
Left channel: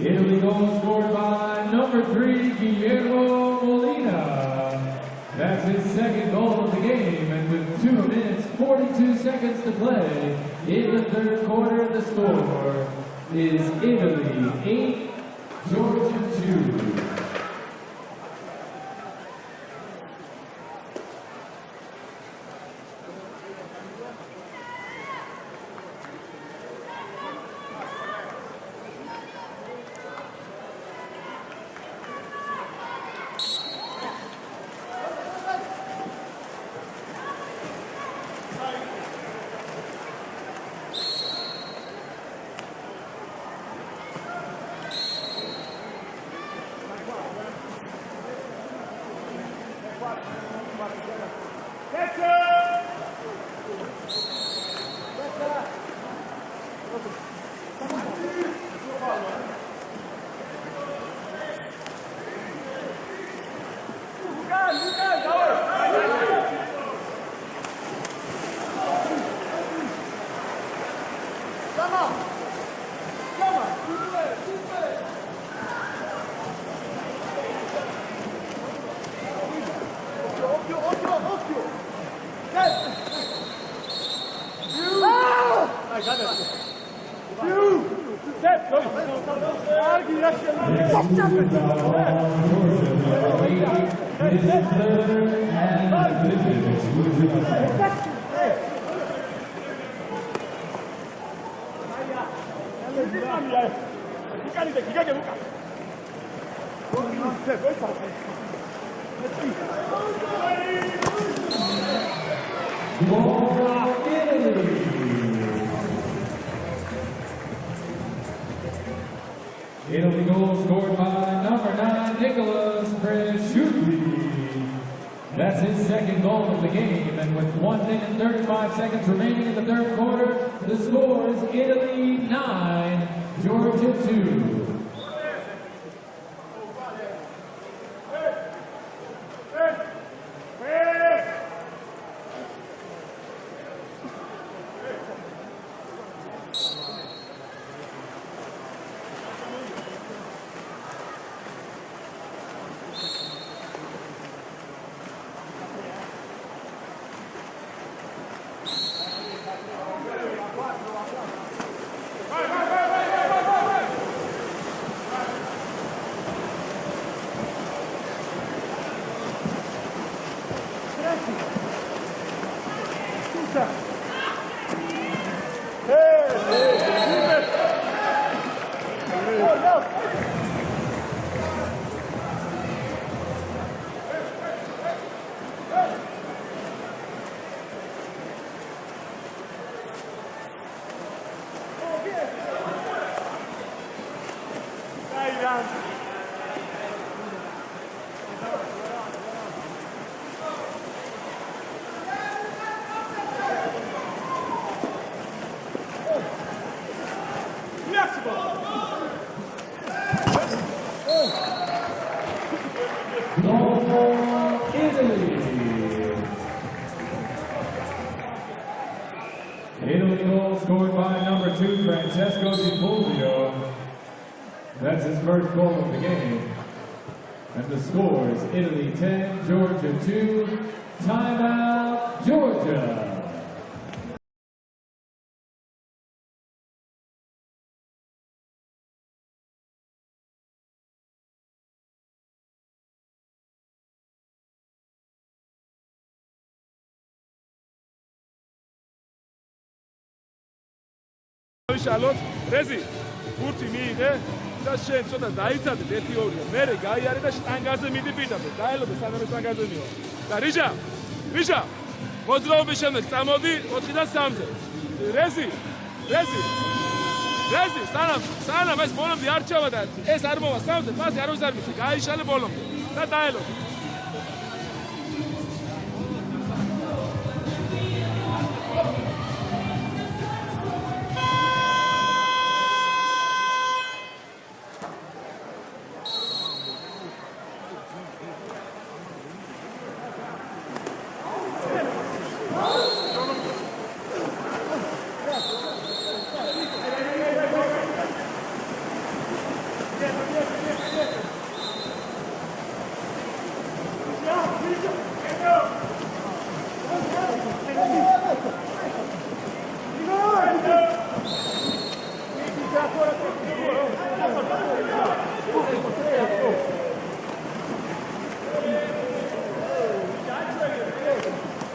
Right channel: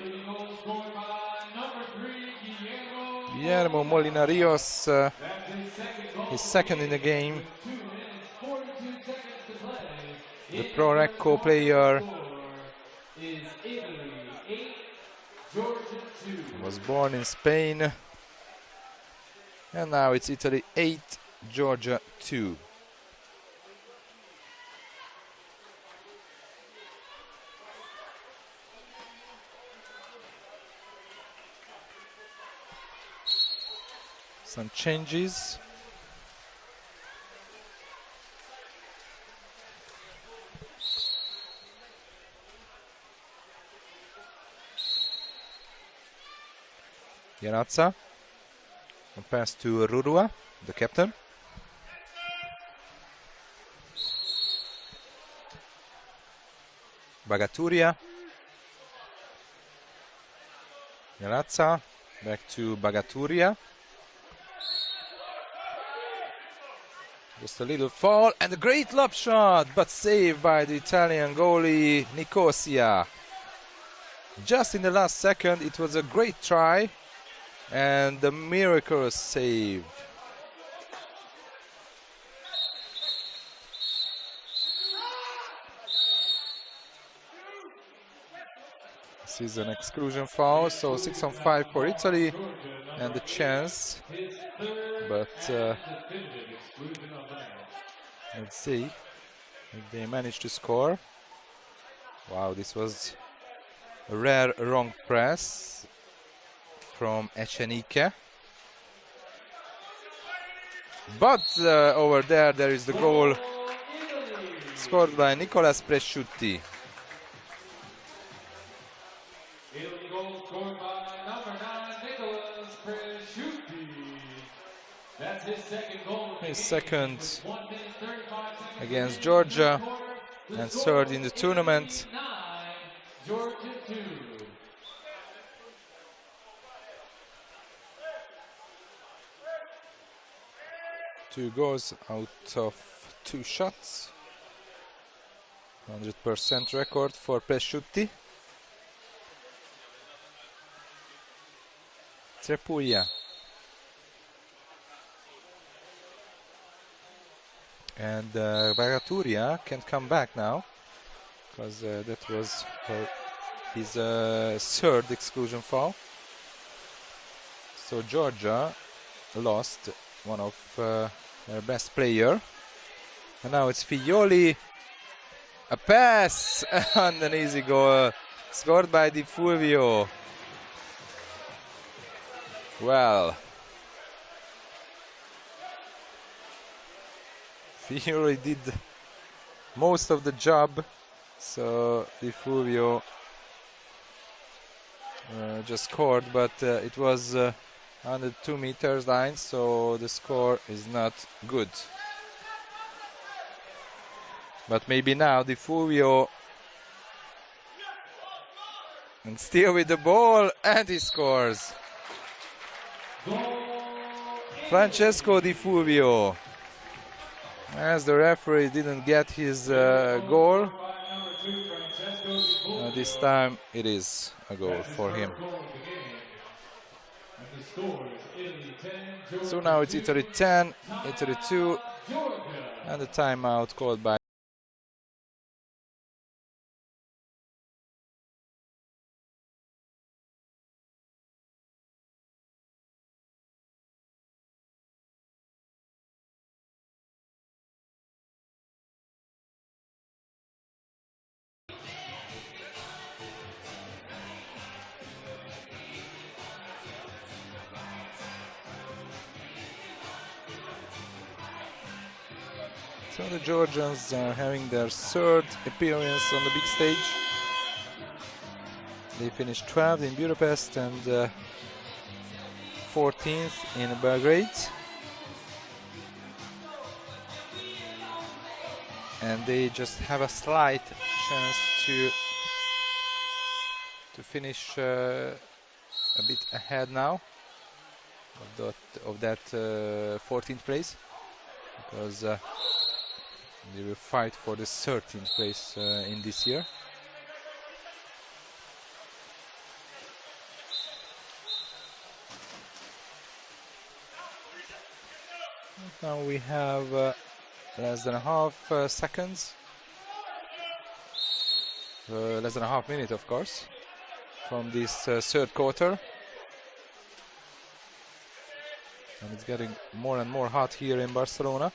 Italy goal scored by number 3, Guillermo Molinarios, That's his second goal second in the game. And with 2 minutes, 42 seconds to play. Pro Recco player. Score is Italy 8, Georgia 2. He was born in Spain. And now it's Italy 8, Georgia 2. Some changes. Ganazza. Pass to Rudua, the captain. Bagaturia. Ganazza. Back to Bagaturia. Just a little ball and a great lob shot, but saved by the Italian goalie Nicosia. Just in the last second, it was a great try and a miracle save. This is an exclusion foul, so 6-5 for Italy. And a chance Let's see. They managed to score. Wow, this was a rare long press from Echenike. But over there is the goal scored by Nicolas Presciutti. Italy goal scored by number 9, Nicolas Presciutti. That's his second goal of the game. And with 1 minute and 35 seconds against remaining Georgia, in the third quarter, and the third in the score tournament. 89, Georgia 2. 2 goals out of 2 shots. 100% record for Presciutti. Trepuia. And Bagaturia can come back now. Because that was his third exclusion foul. So Georgia lost one of the best player. Now it's Figlioli. A pass and an easy goal scored by Di Fulvio. Well, Figlioli did most of the job, so Di Fulvio just scored, but it was on the 2 meters line, so the score is not good. But maybe now Di Fulvio, and still with the ball, and he scores. Francesco Di Fulvio, as the referee didn't get his goal, this time it is a goal for him. And the score is Italy 10, So now it's Italy 10, Italy 2, Georgia. and a timeout called by შალოთ რეზი ფურთი მიიღე და შენ ცოტა დაიცადე 1-2 მერე გაიარე და შტანგაზე მიდი პირდაპირ დაელოდე სანამ შტანგაზე მივა და რიჟა მოძრაობის შემდეგ წამოდი 4-დან 3-ზე having their third appearance on the big stage. რეზი სანამ ეს ბოლომდე არ ჩავა და ეს არ მოვა 3-ზე მას არ უზარმის გაიშალე ბოლომდე და 14 დაელოდე in Belgrade. And they just have a slight chance to finish a bit ahead now of that 14th place. Because they will fight for a certain place in this year. We have less than half seconds. Less than a half minute, of course, in this third quarter. Getting more and more hot here in Barcelona.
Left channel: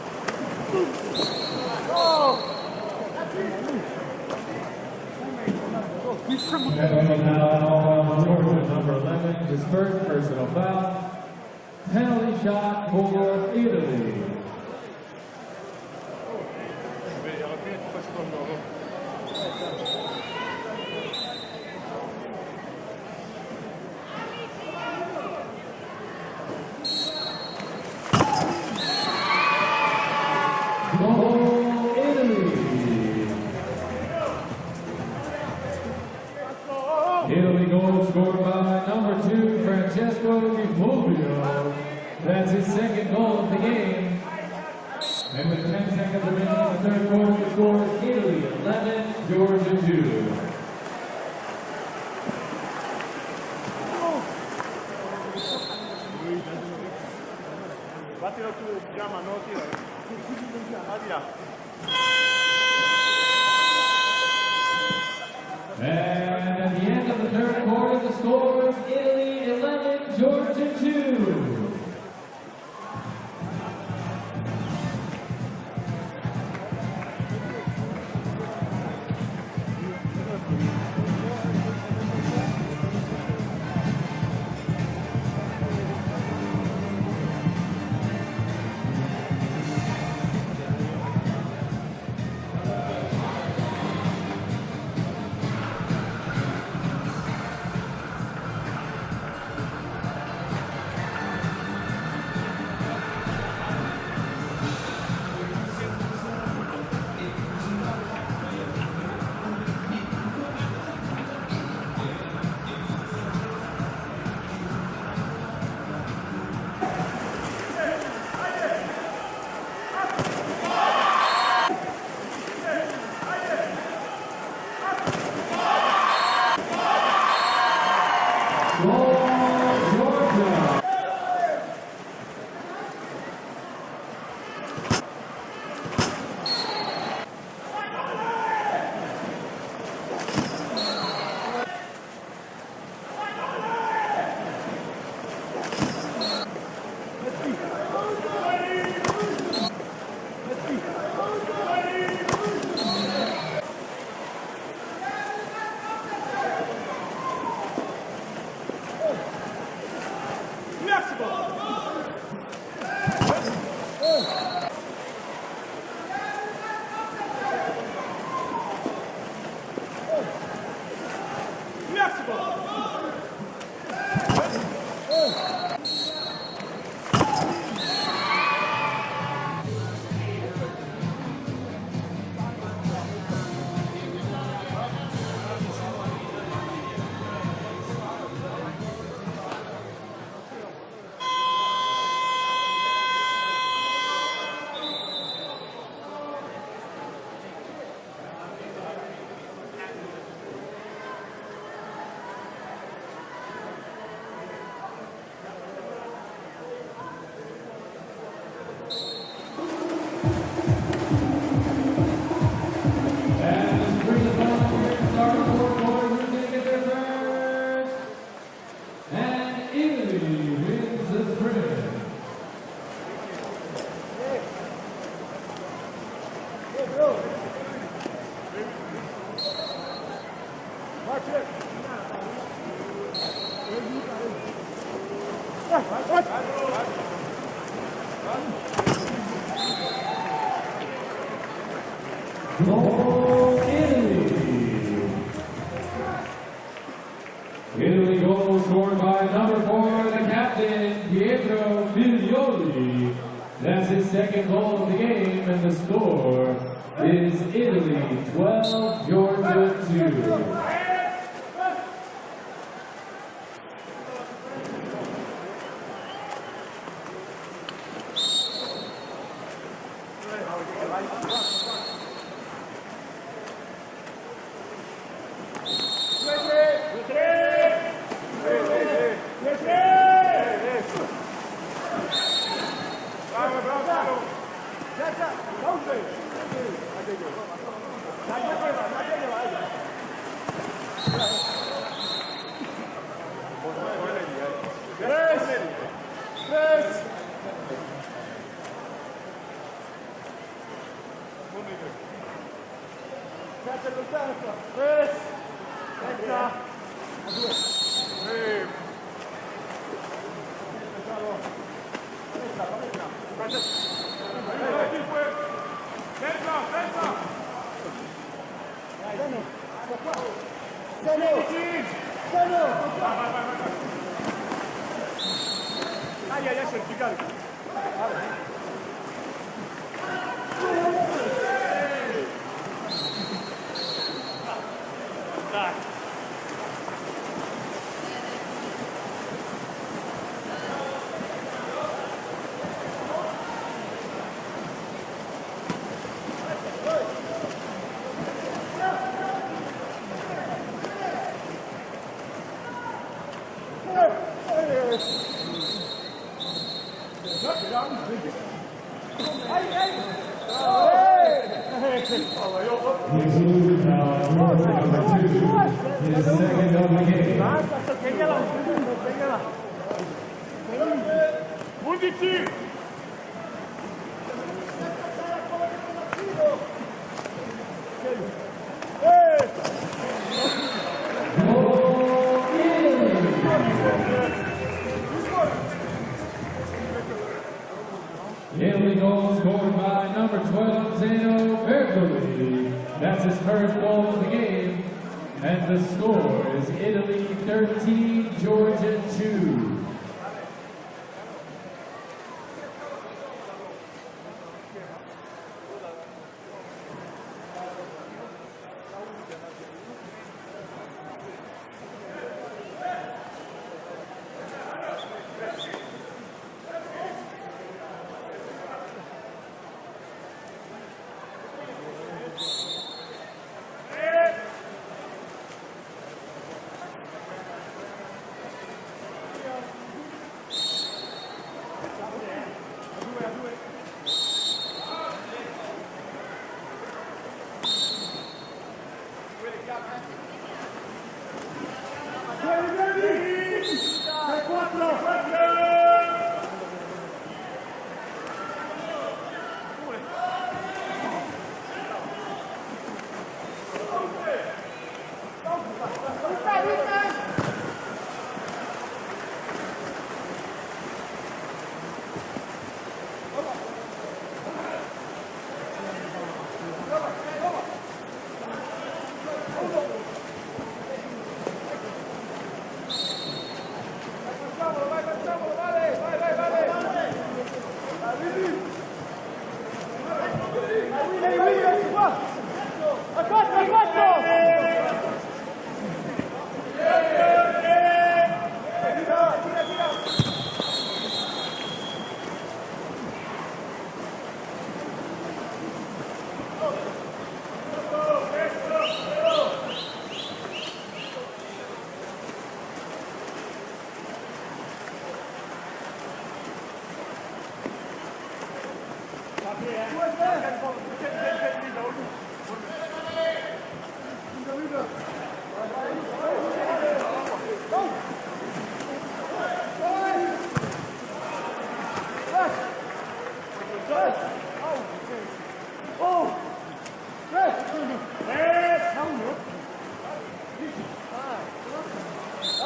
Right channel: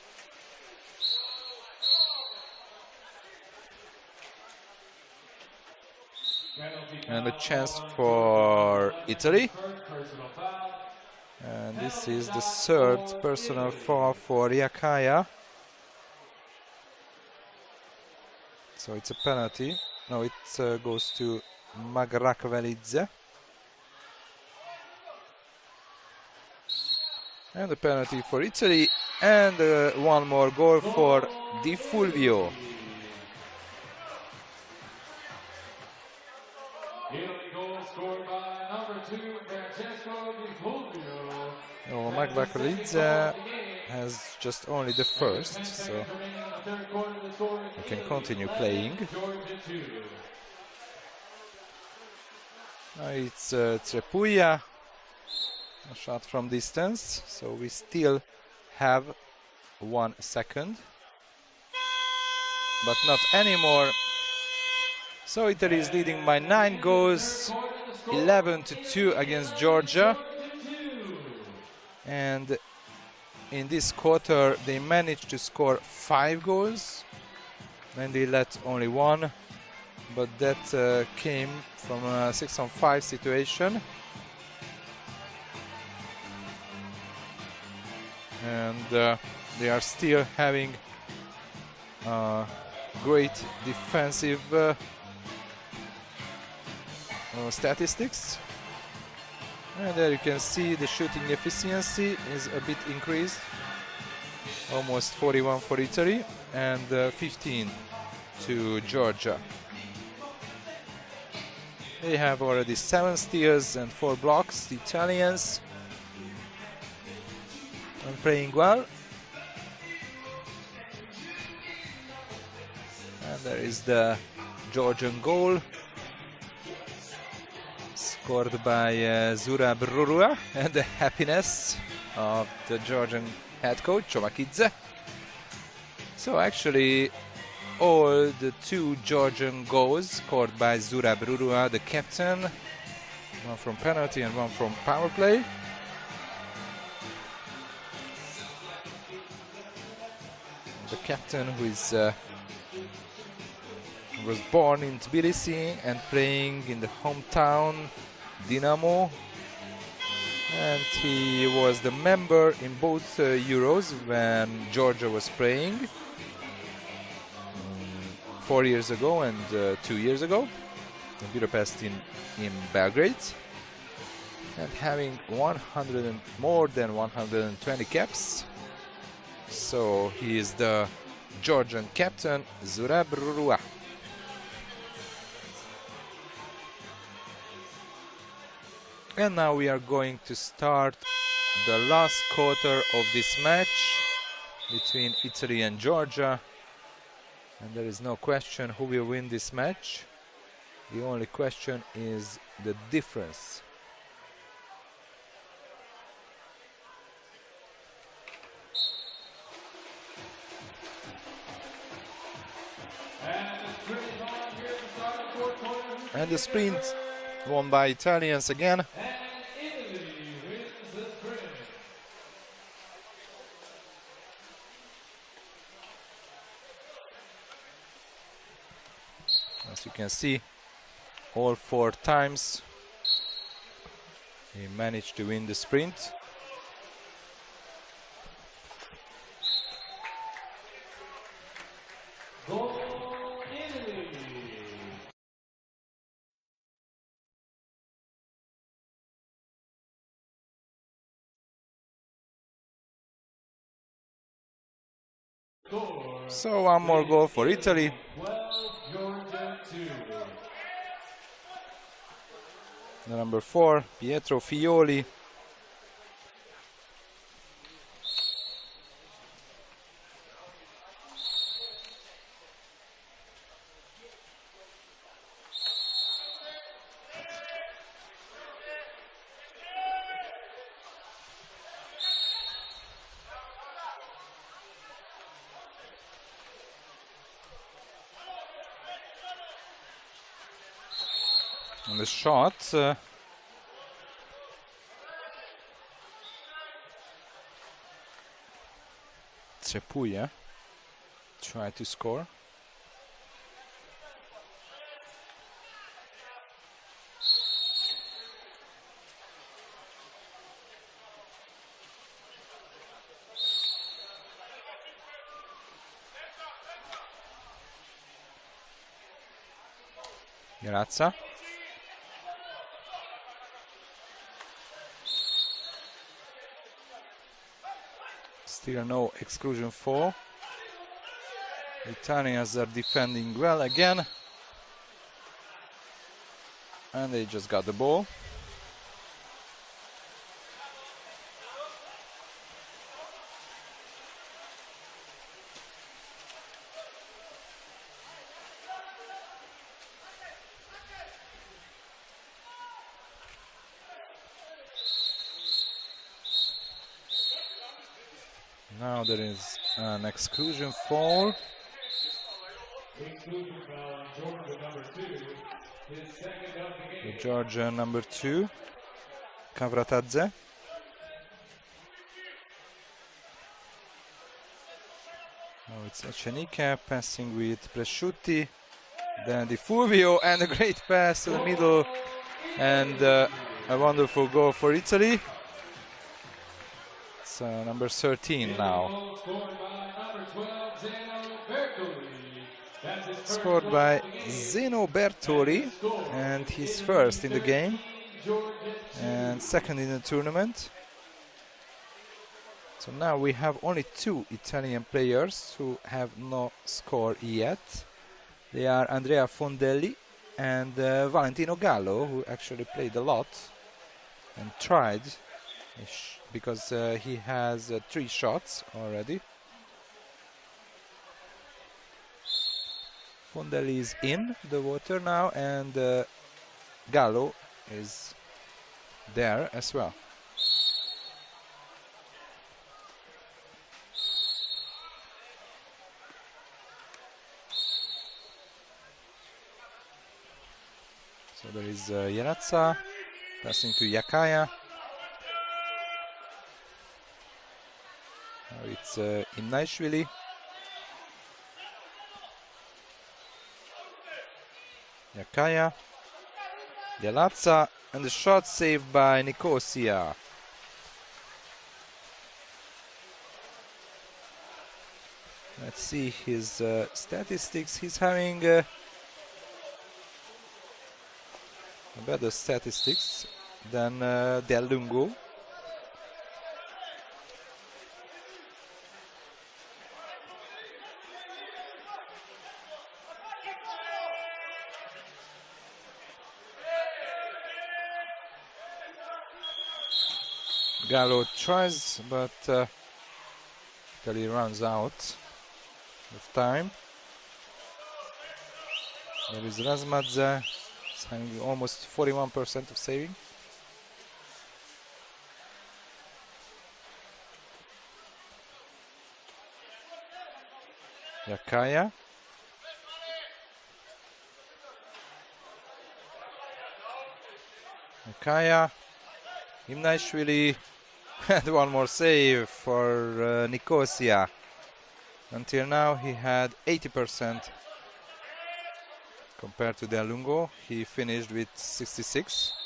And a chance for Italy. And this is the third personal foul for Riakaya. So it's a penalty. No, it goes to Magrakvelidze. And the penalty for Italy. And one more goal for Di Fulvio. Italy goal scored by number 2, Francesco Di Fulvio. That's his second goal of the game. It's just only the first. And with 10 So seconds remaining in the third quarter, the score is continue Italy playing. 10, Georgia 2. It's Trepuia, shot from distance. So we still have 1 second, but not anymore. So Italy is leading by 9 goals, 11-2 against Georgia. And this quarter they managed to score 5 goals when they let only 1, but that came from a 6-on-5 situation. And they are still having great defensive statistics. And there you can see the shooting efficiency is a bit increased, almost 41 for Italy and 15 to Georgia. They have already 7 steals and 4 blocks. The Italians playing well. That is the Georgian goal, scored by Zura, the happiness of the Georgian head coach Jovakidze. So actually all the 2 Georgian goals scored by Zura Brurua, the captain, one from penalty and one from power play. The captain was born in Tbilisi and playing in the hometown Dinamo, and he was the member in both Euros when Georgia was playing 4 years ago and 2 years ago, Budapest in Belgrade, having more than 120 caps. So he is the Georgian captain, Zurab Rua. And now we are going to start the last quarter of this match between Italy and Georgia. And there is no question who will win this match. The only question is the difference. And the sprint won by Italians again. As you can see, all 4 times they managed to win the sprint. Italy goal scored by number 4, the captain, Pietro Figlioli. That's his 2nd goal of the game, and the score. So one more goal for Italy. 12, Georgia 2. Number 4, Pietro Figlioli. The shot. Cepuia trying to score. Grazia. Still no exclusion for. Italians are defending well again. And they just got the ball. Now there is an exclusion call. Number 2, Kavratadze. Cenica passing with Presciutti, then Di Fulvio, and a great pass in the middle, and a wonderful goal for Italy. It's number 13 now. Scored by Zeno Bertoli, and he's first in the game, and second in the tournament. So now we have only 2 Italian players who have not scored yet. They are Andrea Fondelli and Valentino Gallo, who actually played a lot and tried, because he has 3 shots already. Fondelli is in the water now, and Gallo is there as well. Janotza, passing to Yakaya. It's Inaishvili. Yakaya, Janotza, and the shot saved by Nicosia. Let's see his statistics. He's having better statistics than Del Lungo. Gallo tries, but he runs out of time. There's Razmadze. Almost 41% of saving. Kaya. Kaya. Inaishvili had one more save for Nicosia. Until now he had 80%. Compared to Del Lungo, he finished with 66.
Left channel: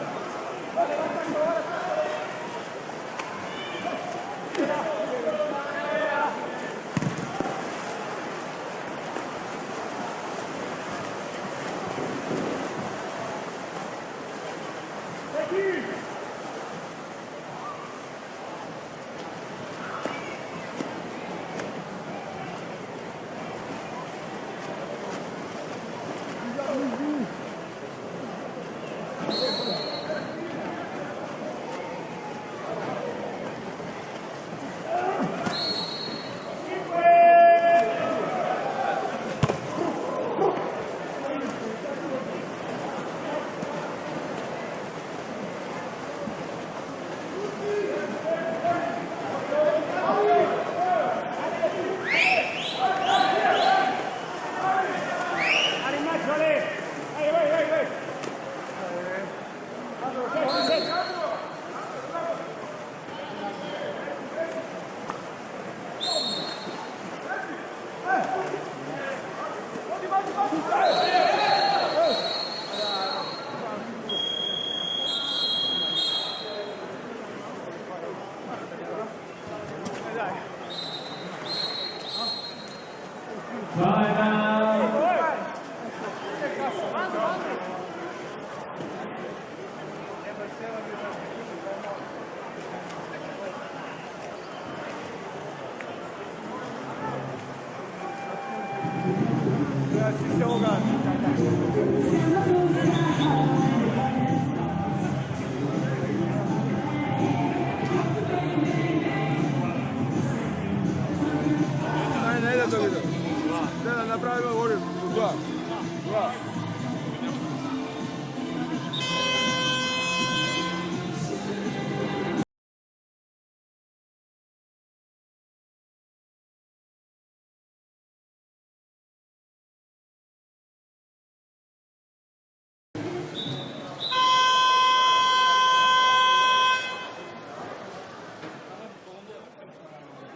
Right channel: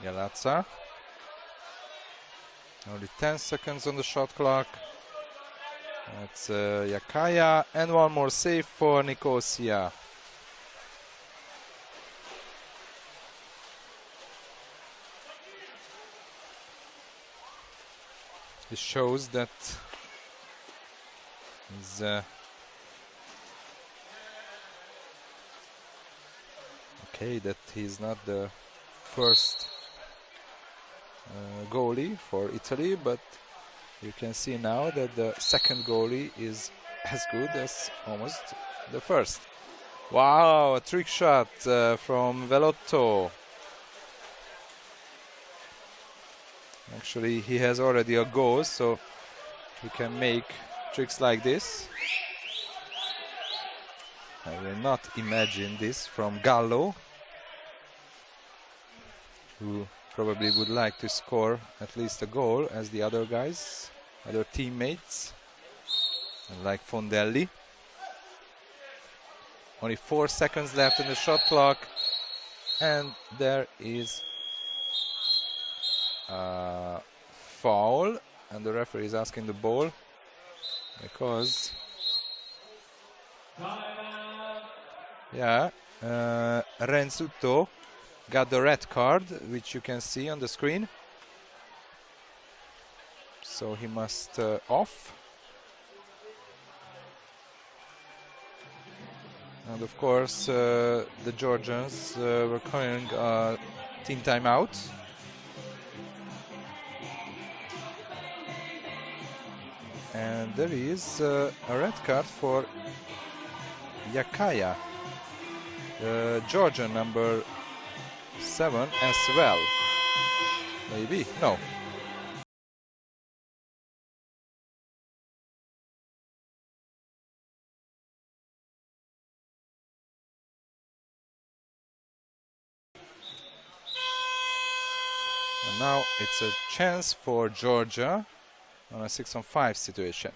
Galazza. 10 seconds on the shot clock. It's Yakaya, and one more save for Nicosia. Shows that he's okay, that he's not the first goalie for Italy, but you can see now that the second goalie is as good as almost the first. Wow, a trick shot from Velotto. Actually, he has already a goal, so he can make tricks like this. I will not imagine this from Gallo, who probably would like to score at least a goal as the other guys, their teammates, like Fondelli. Only 4 seconds left on the shot clock, and there is foul, and the referee is asking the ball because Renzuto got the red card, which you can see on the screen, so he must off. Of course, the Georgians were playing team timeout. Is a red card for Yakaya, Georgian number 7 as well. Maybe, no. chance for Georgia on a 6-on-5 situation.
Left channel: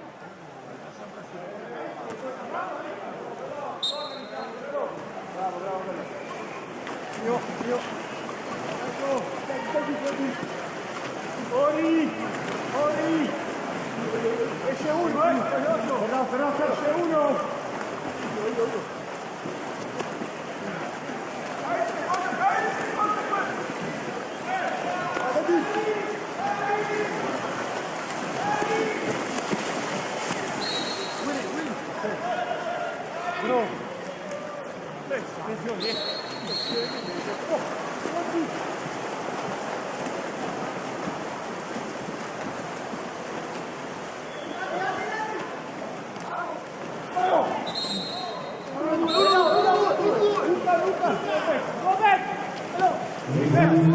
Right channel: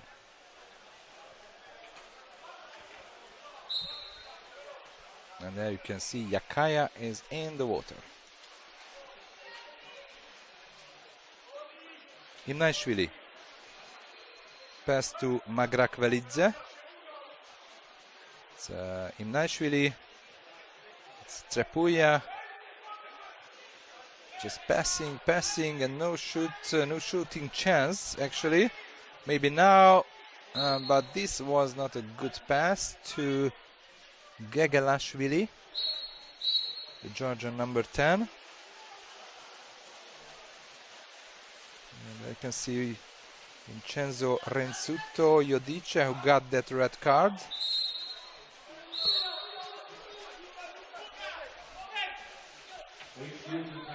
And there you can see Yakaya is in the water. Nashvili. Pass to Magrakvelidze. Nashvili. Strahuja. Just passing, and no shooting chance actually. Maybe now, but this was not a good pass to Gegelashvili, Georgia number 10. You can see Vincenzo Renzuto Iodice, who got that red card.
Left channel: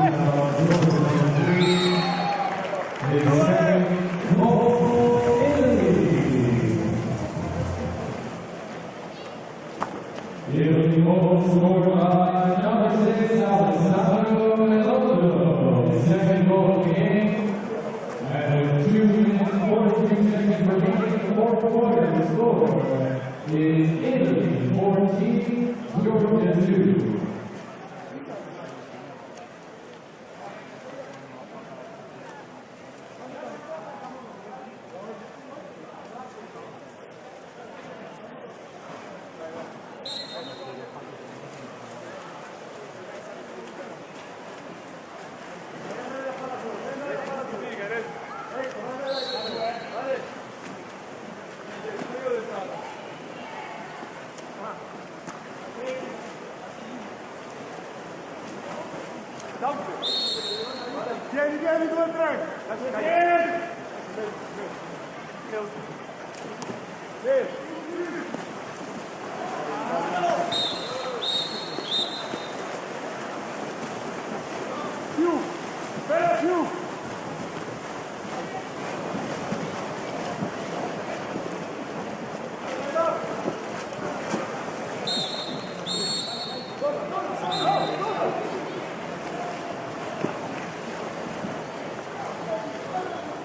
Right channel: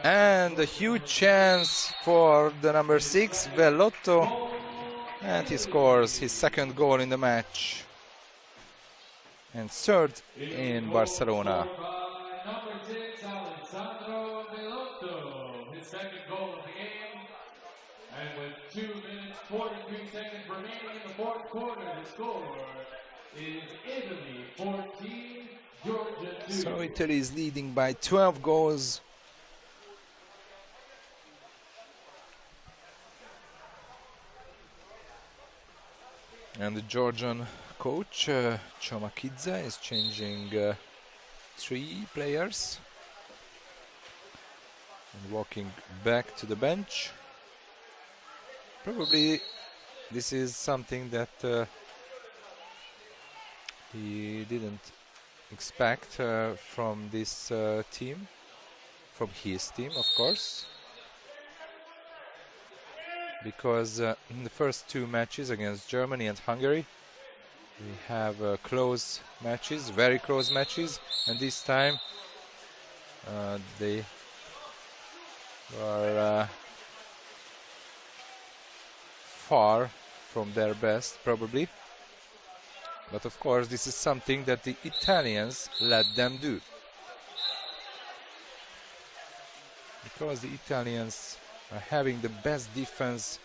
And a huge chance for the number 6, Bellotto, and he scores his second goal in the match. And third in Barcelona. Italy is leading by 12 goals. And the Georgian coach, Chomakidze, is changing 3 players. Walking back to the bench. Probably this is something that he didn't expect from this team, from his team, of course. Because in the first 2 matches against Germany and Hungary, we have close matches, very close matches, and this time they are far from their best, probably. But of course, this is something that the Italians let them do. Of course, the Italians are having the best defense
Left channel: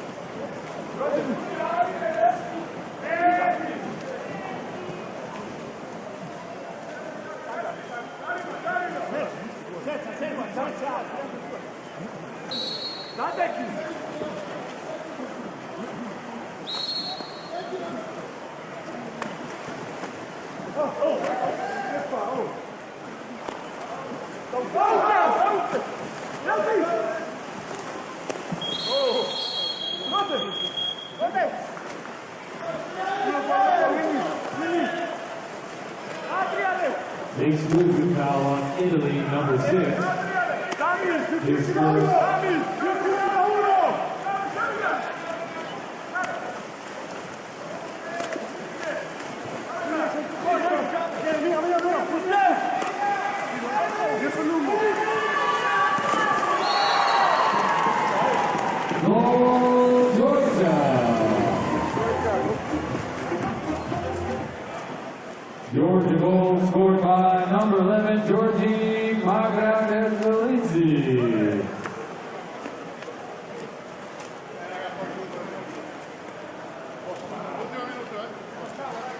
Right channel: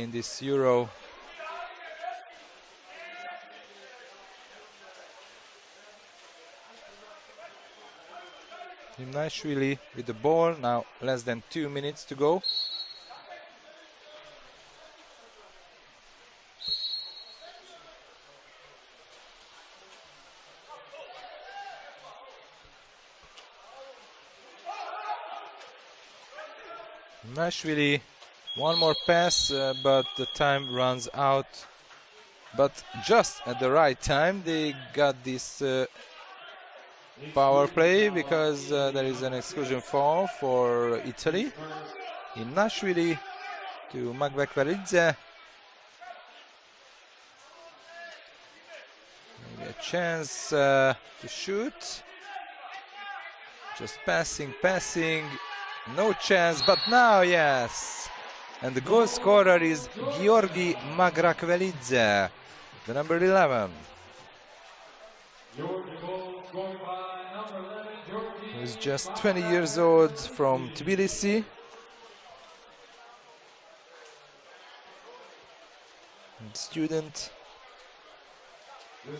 in this Euro. Nashvili with the ball, now less than 2 minutes to go. Nashvili, one more pass, but the time runs out. But just at the right time, they got this power play because there is an instant foul for Italy. Nashvili to Magrakvelidze. Chance to shoot. Just passing. No chance, but now yes. And the goal scorer is Georgi Magrakvelidze, number 11. He's just 20 years old, from Tbilisi. Student.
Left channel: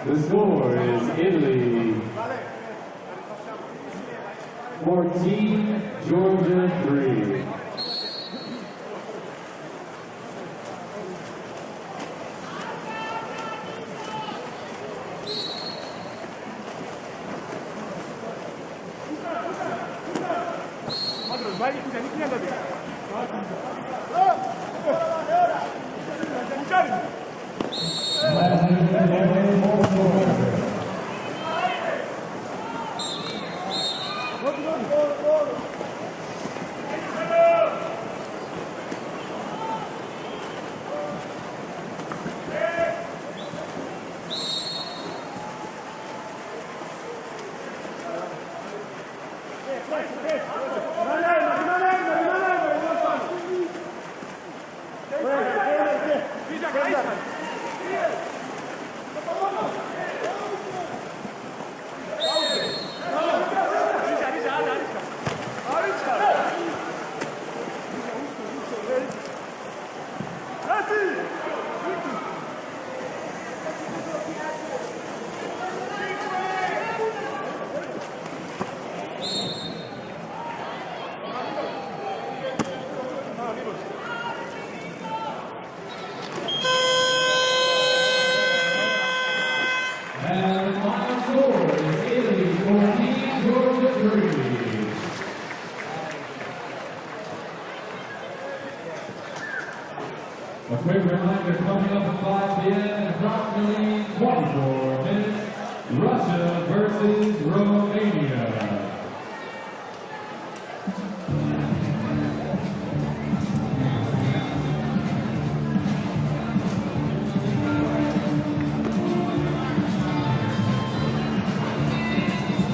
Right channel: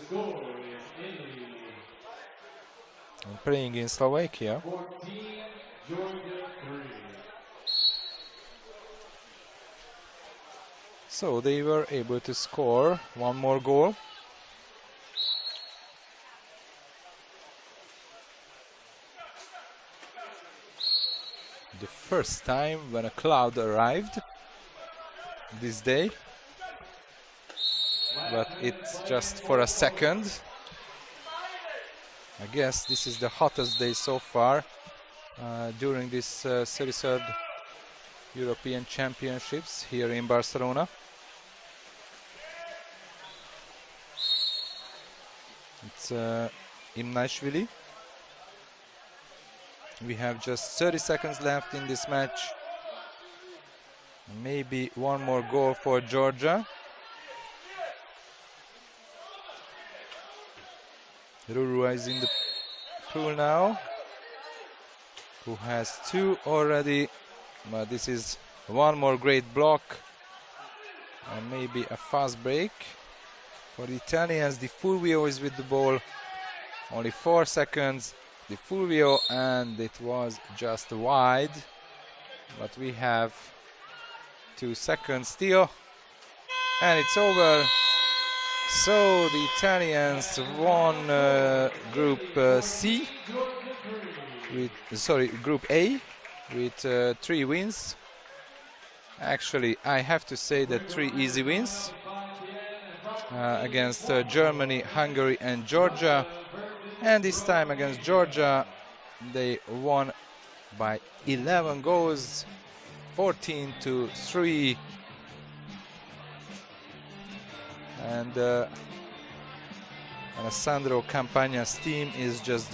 The score is Italy Playing in Slovakia. 14, Georgia 3. So they were able to score one more goal. First time when a cloud arrived this day. But it's just for a second. I guess this is the hottest day so far during this series of European Championships here in Barcelona. It's in Nashvili. We have just 30 seconds left in this match. Maybe one more goal for Georgia. Lulu is in the pool now. He has 2 already, but this is one more great block. Maybe a fast break. The Italians, Di Fulvio is with the ball. Only 4 seconds. Di Fulvio, and it was just wide. We have 2 seconds still, and it's over. So the Italians won Group C. Sorry, Group A with 3 wins. Actually, I have to say that 3 easy wins against Germany, Hungary and Georgia. And this time against Georgia, they won by 11 goals, 14-3. And Sandro Campagna's team is just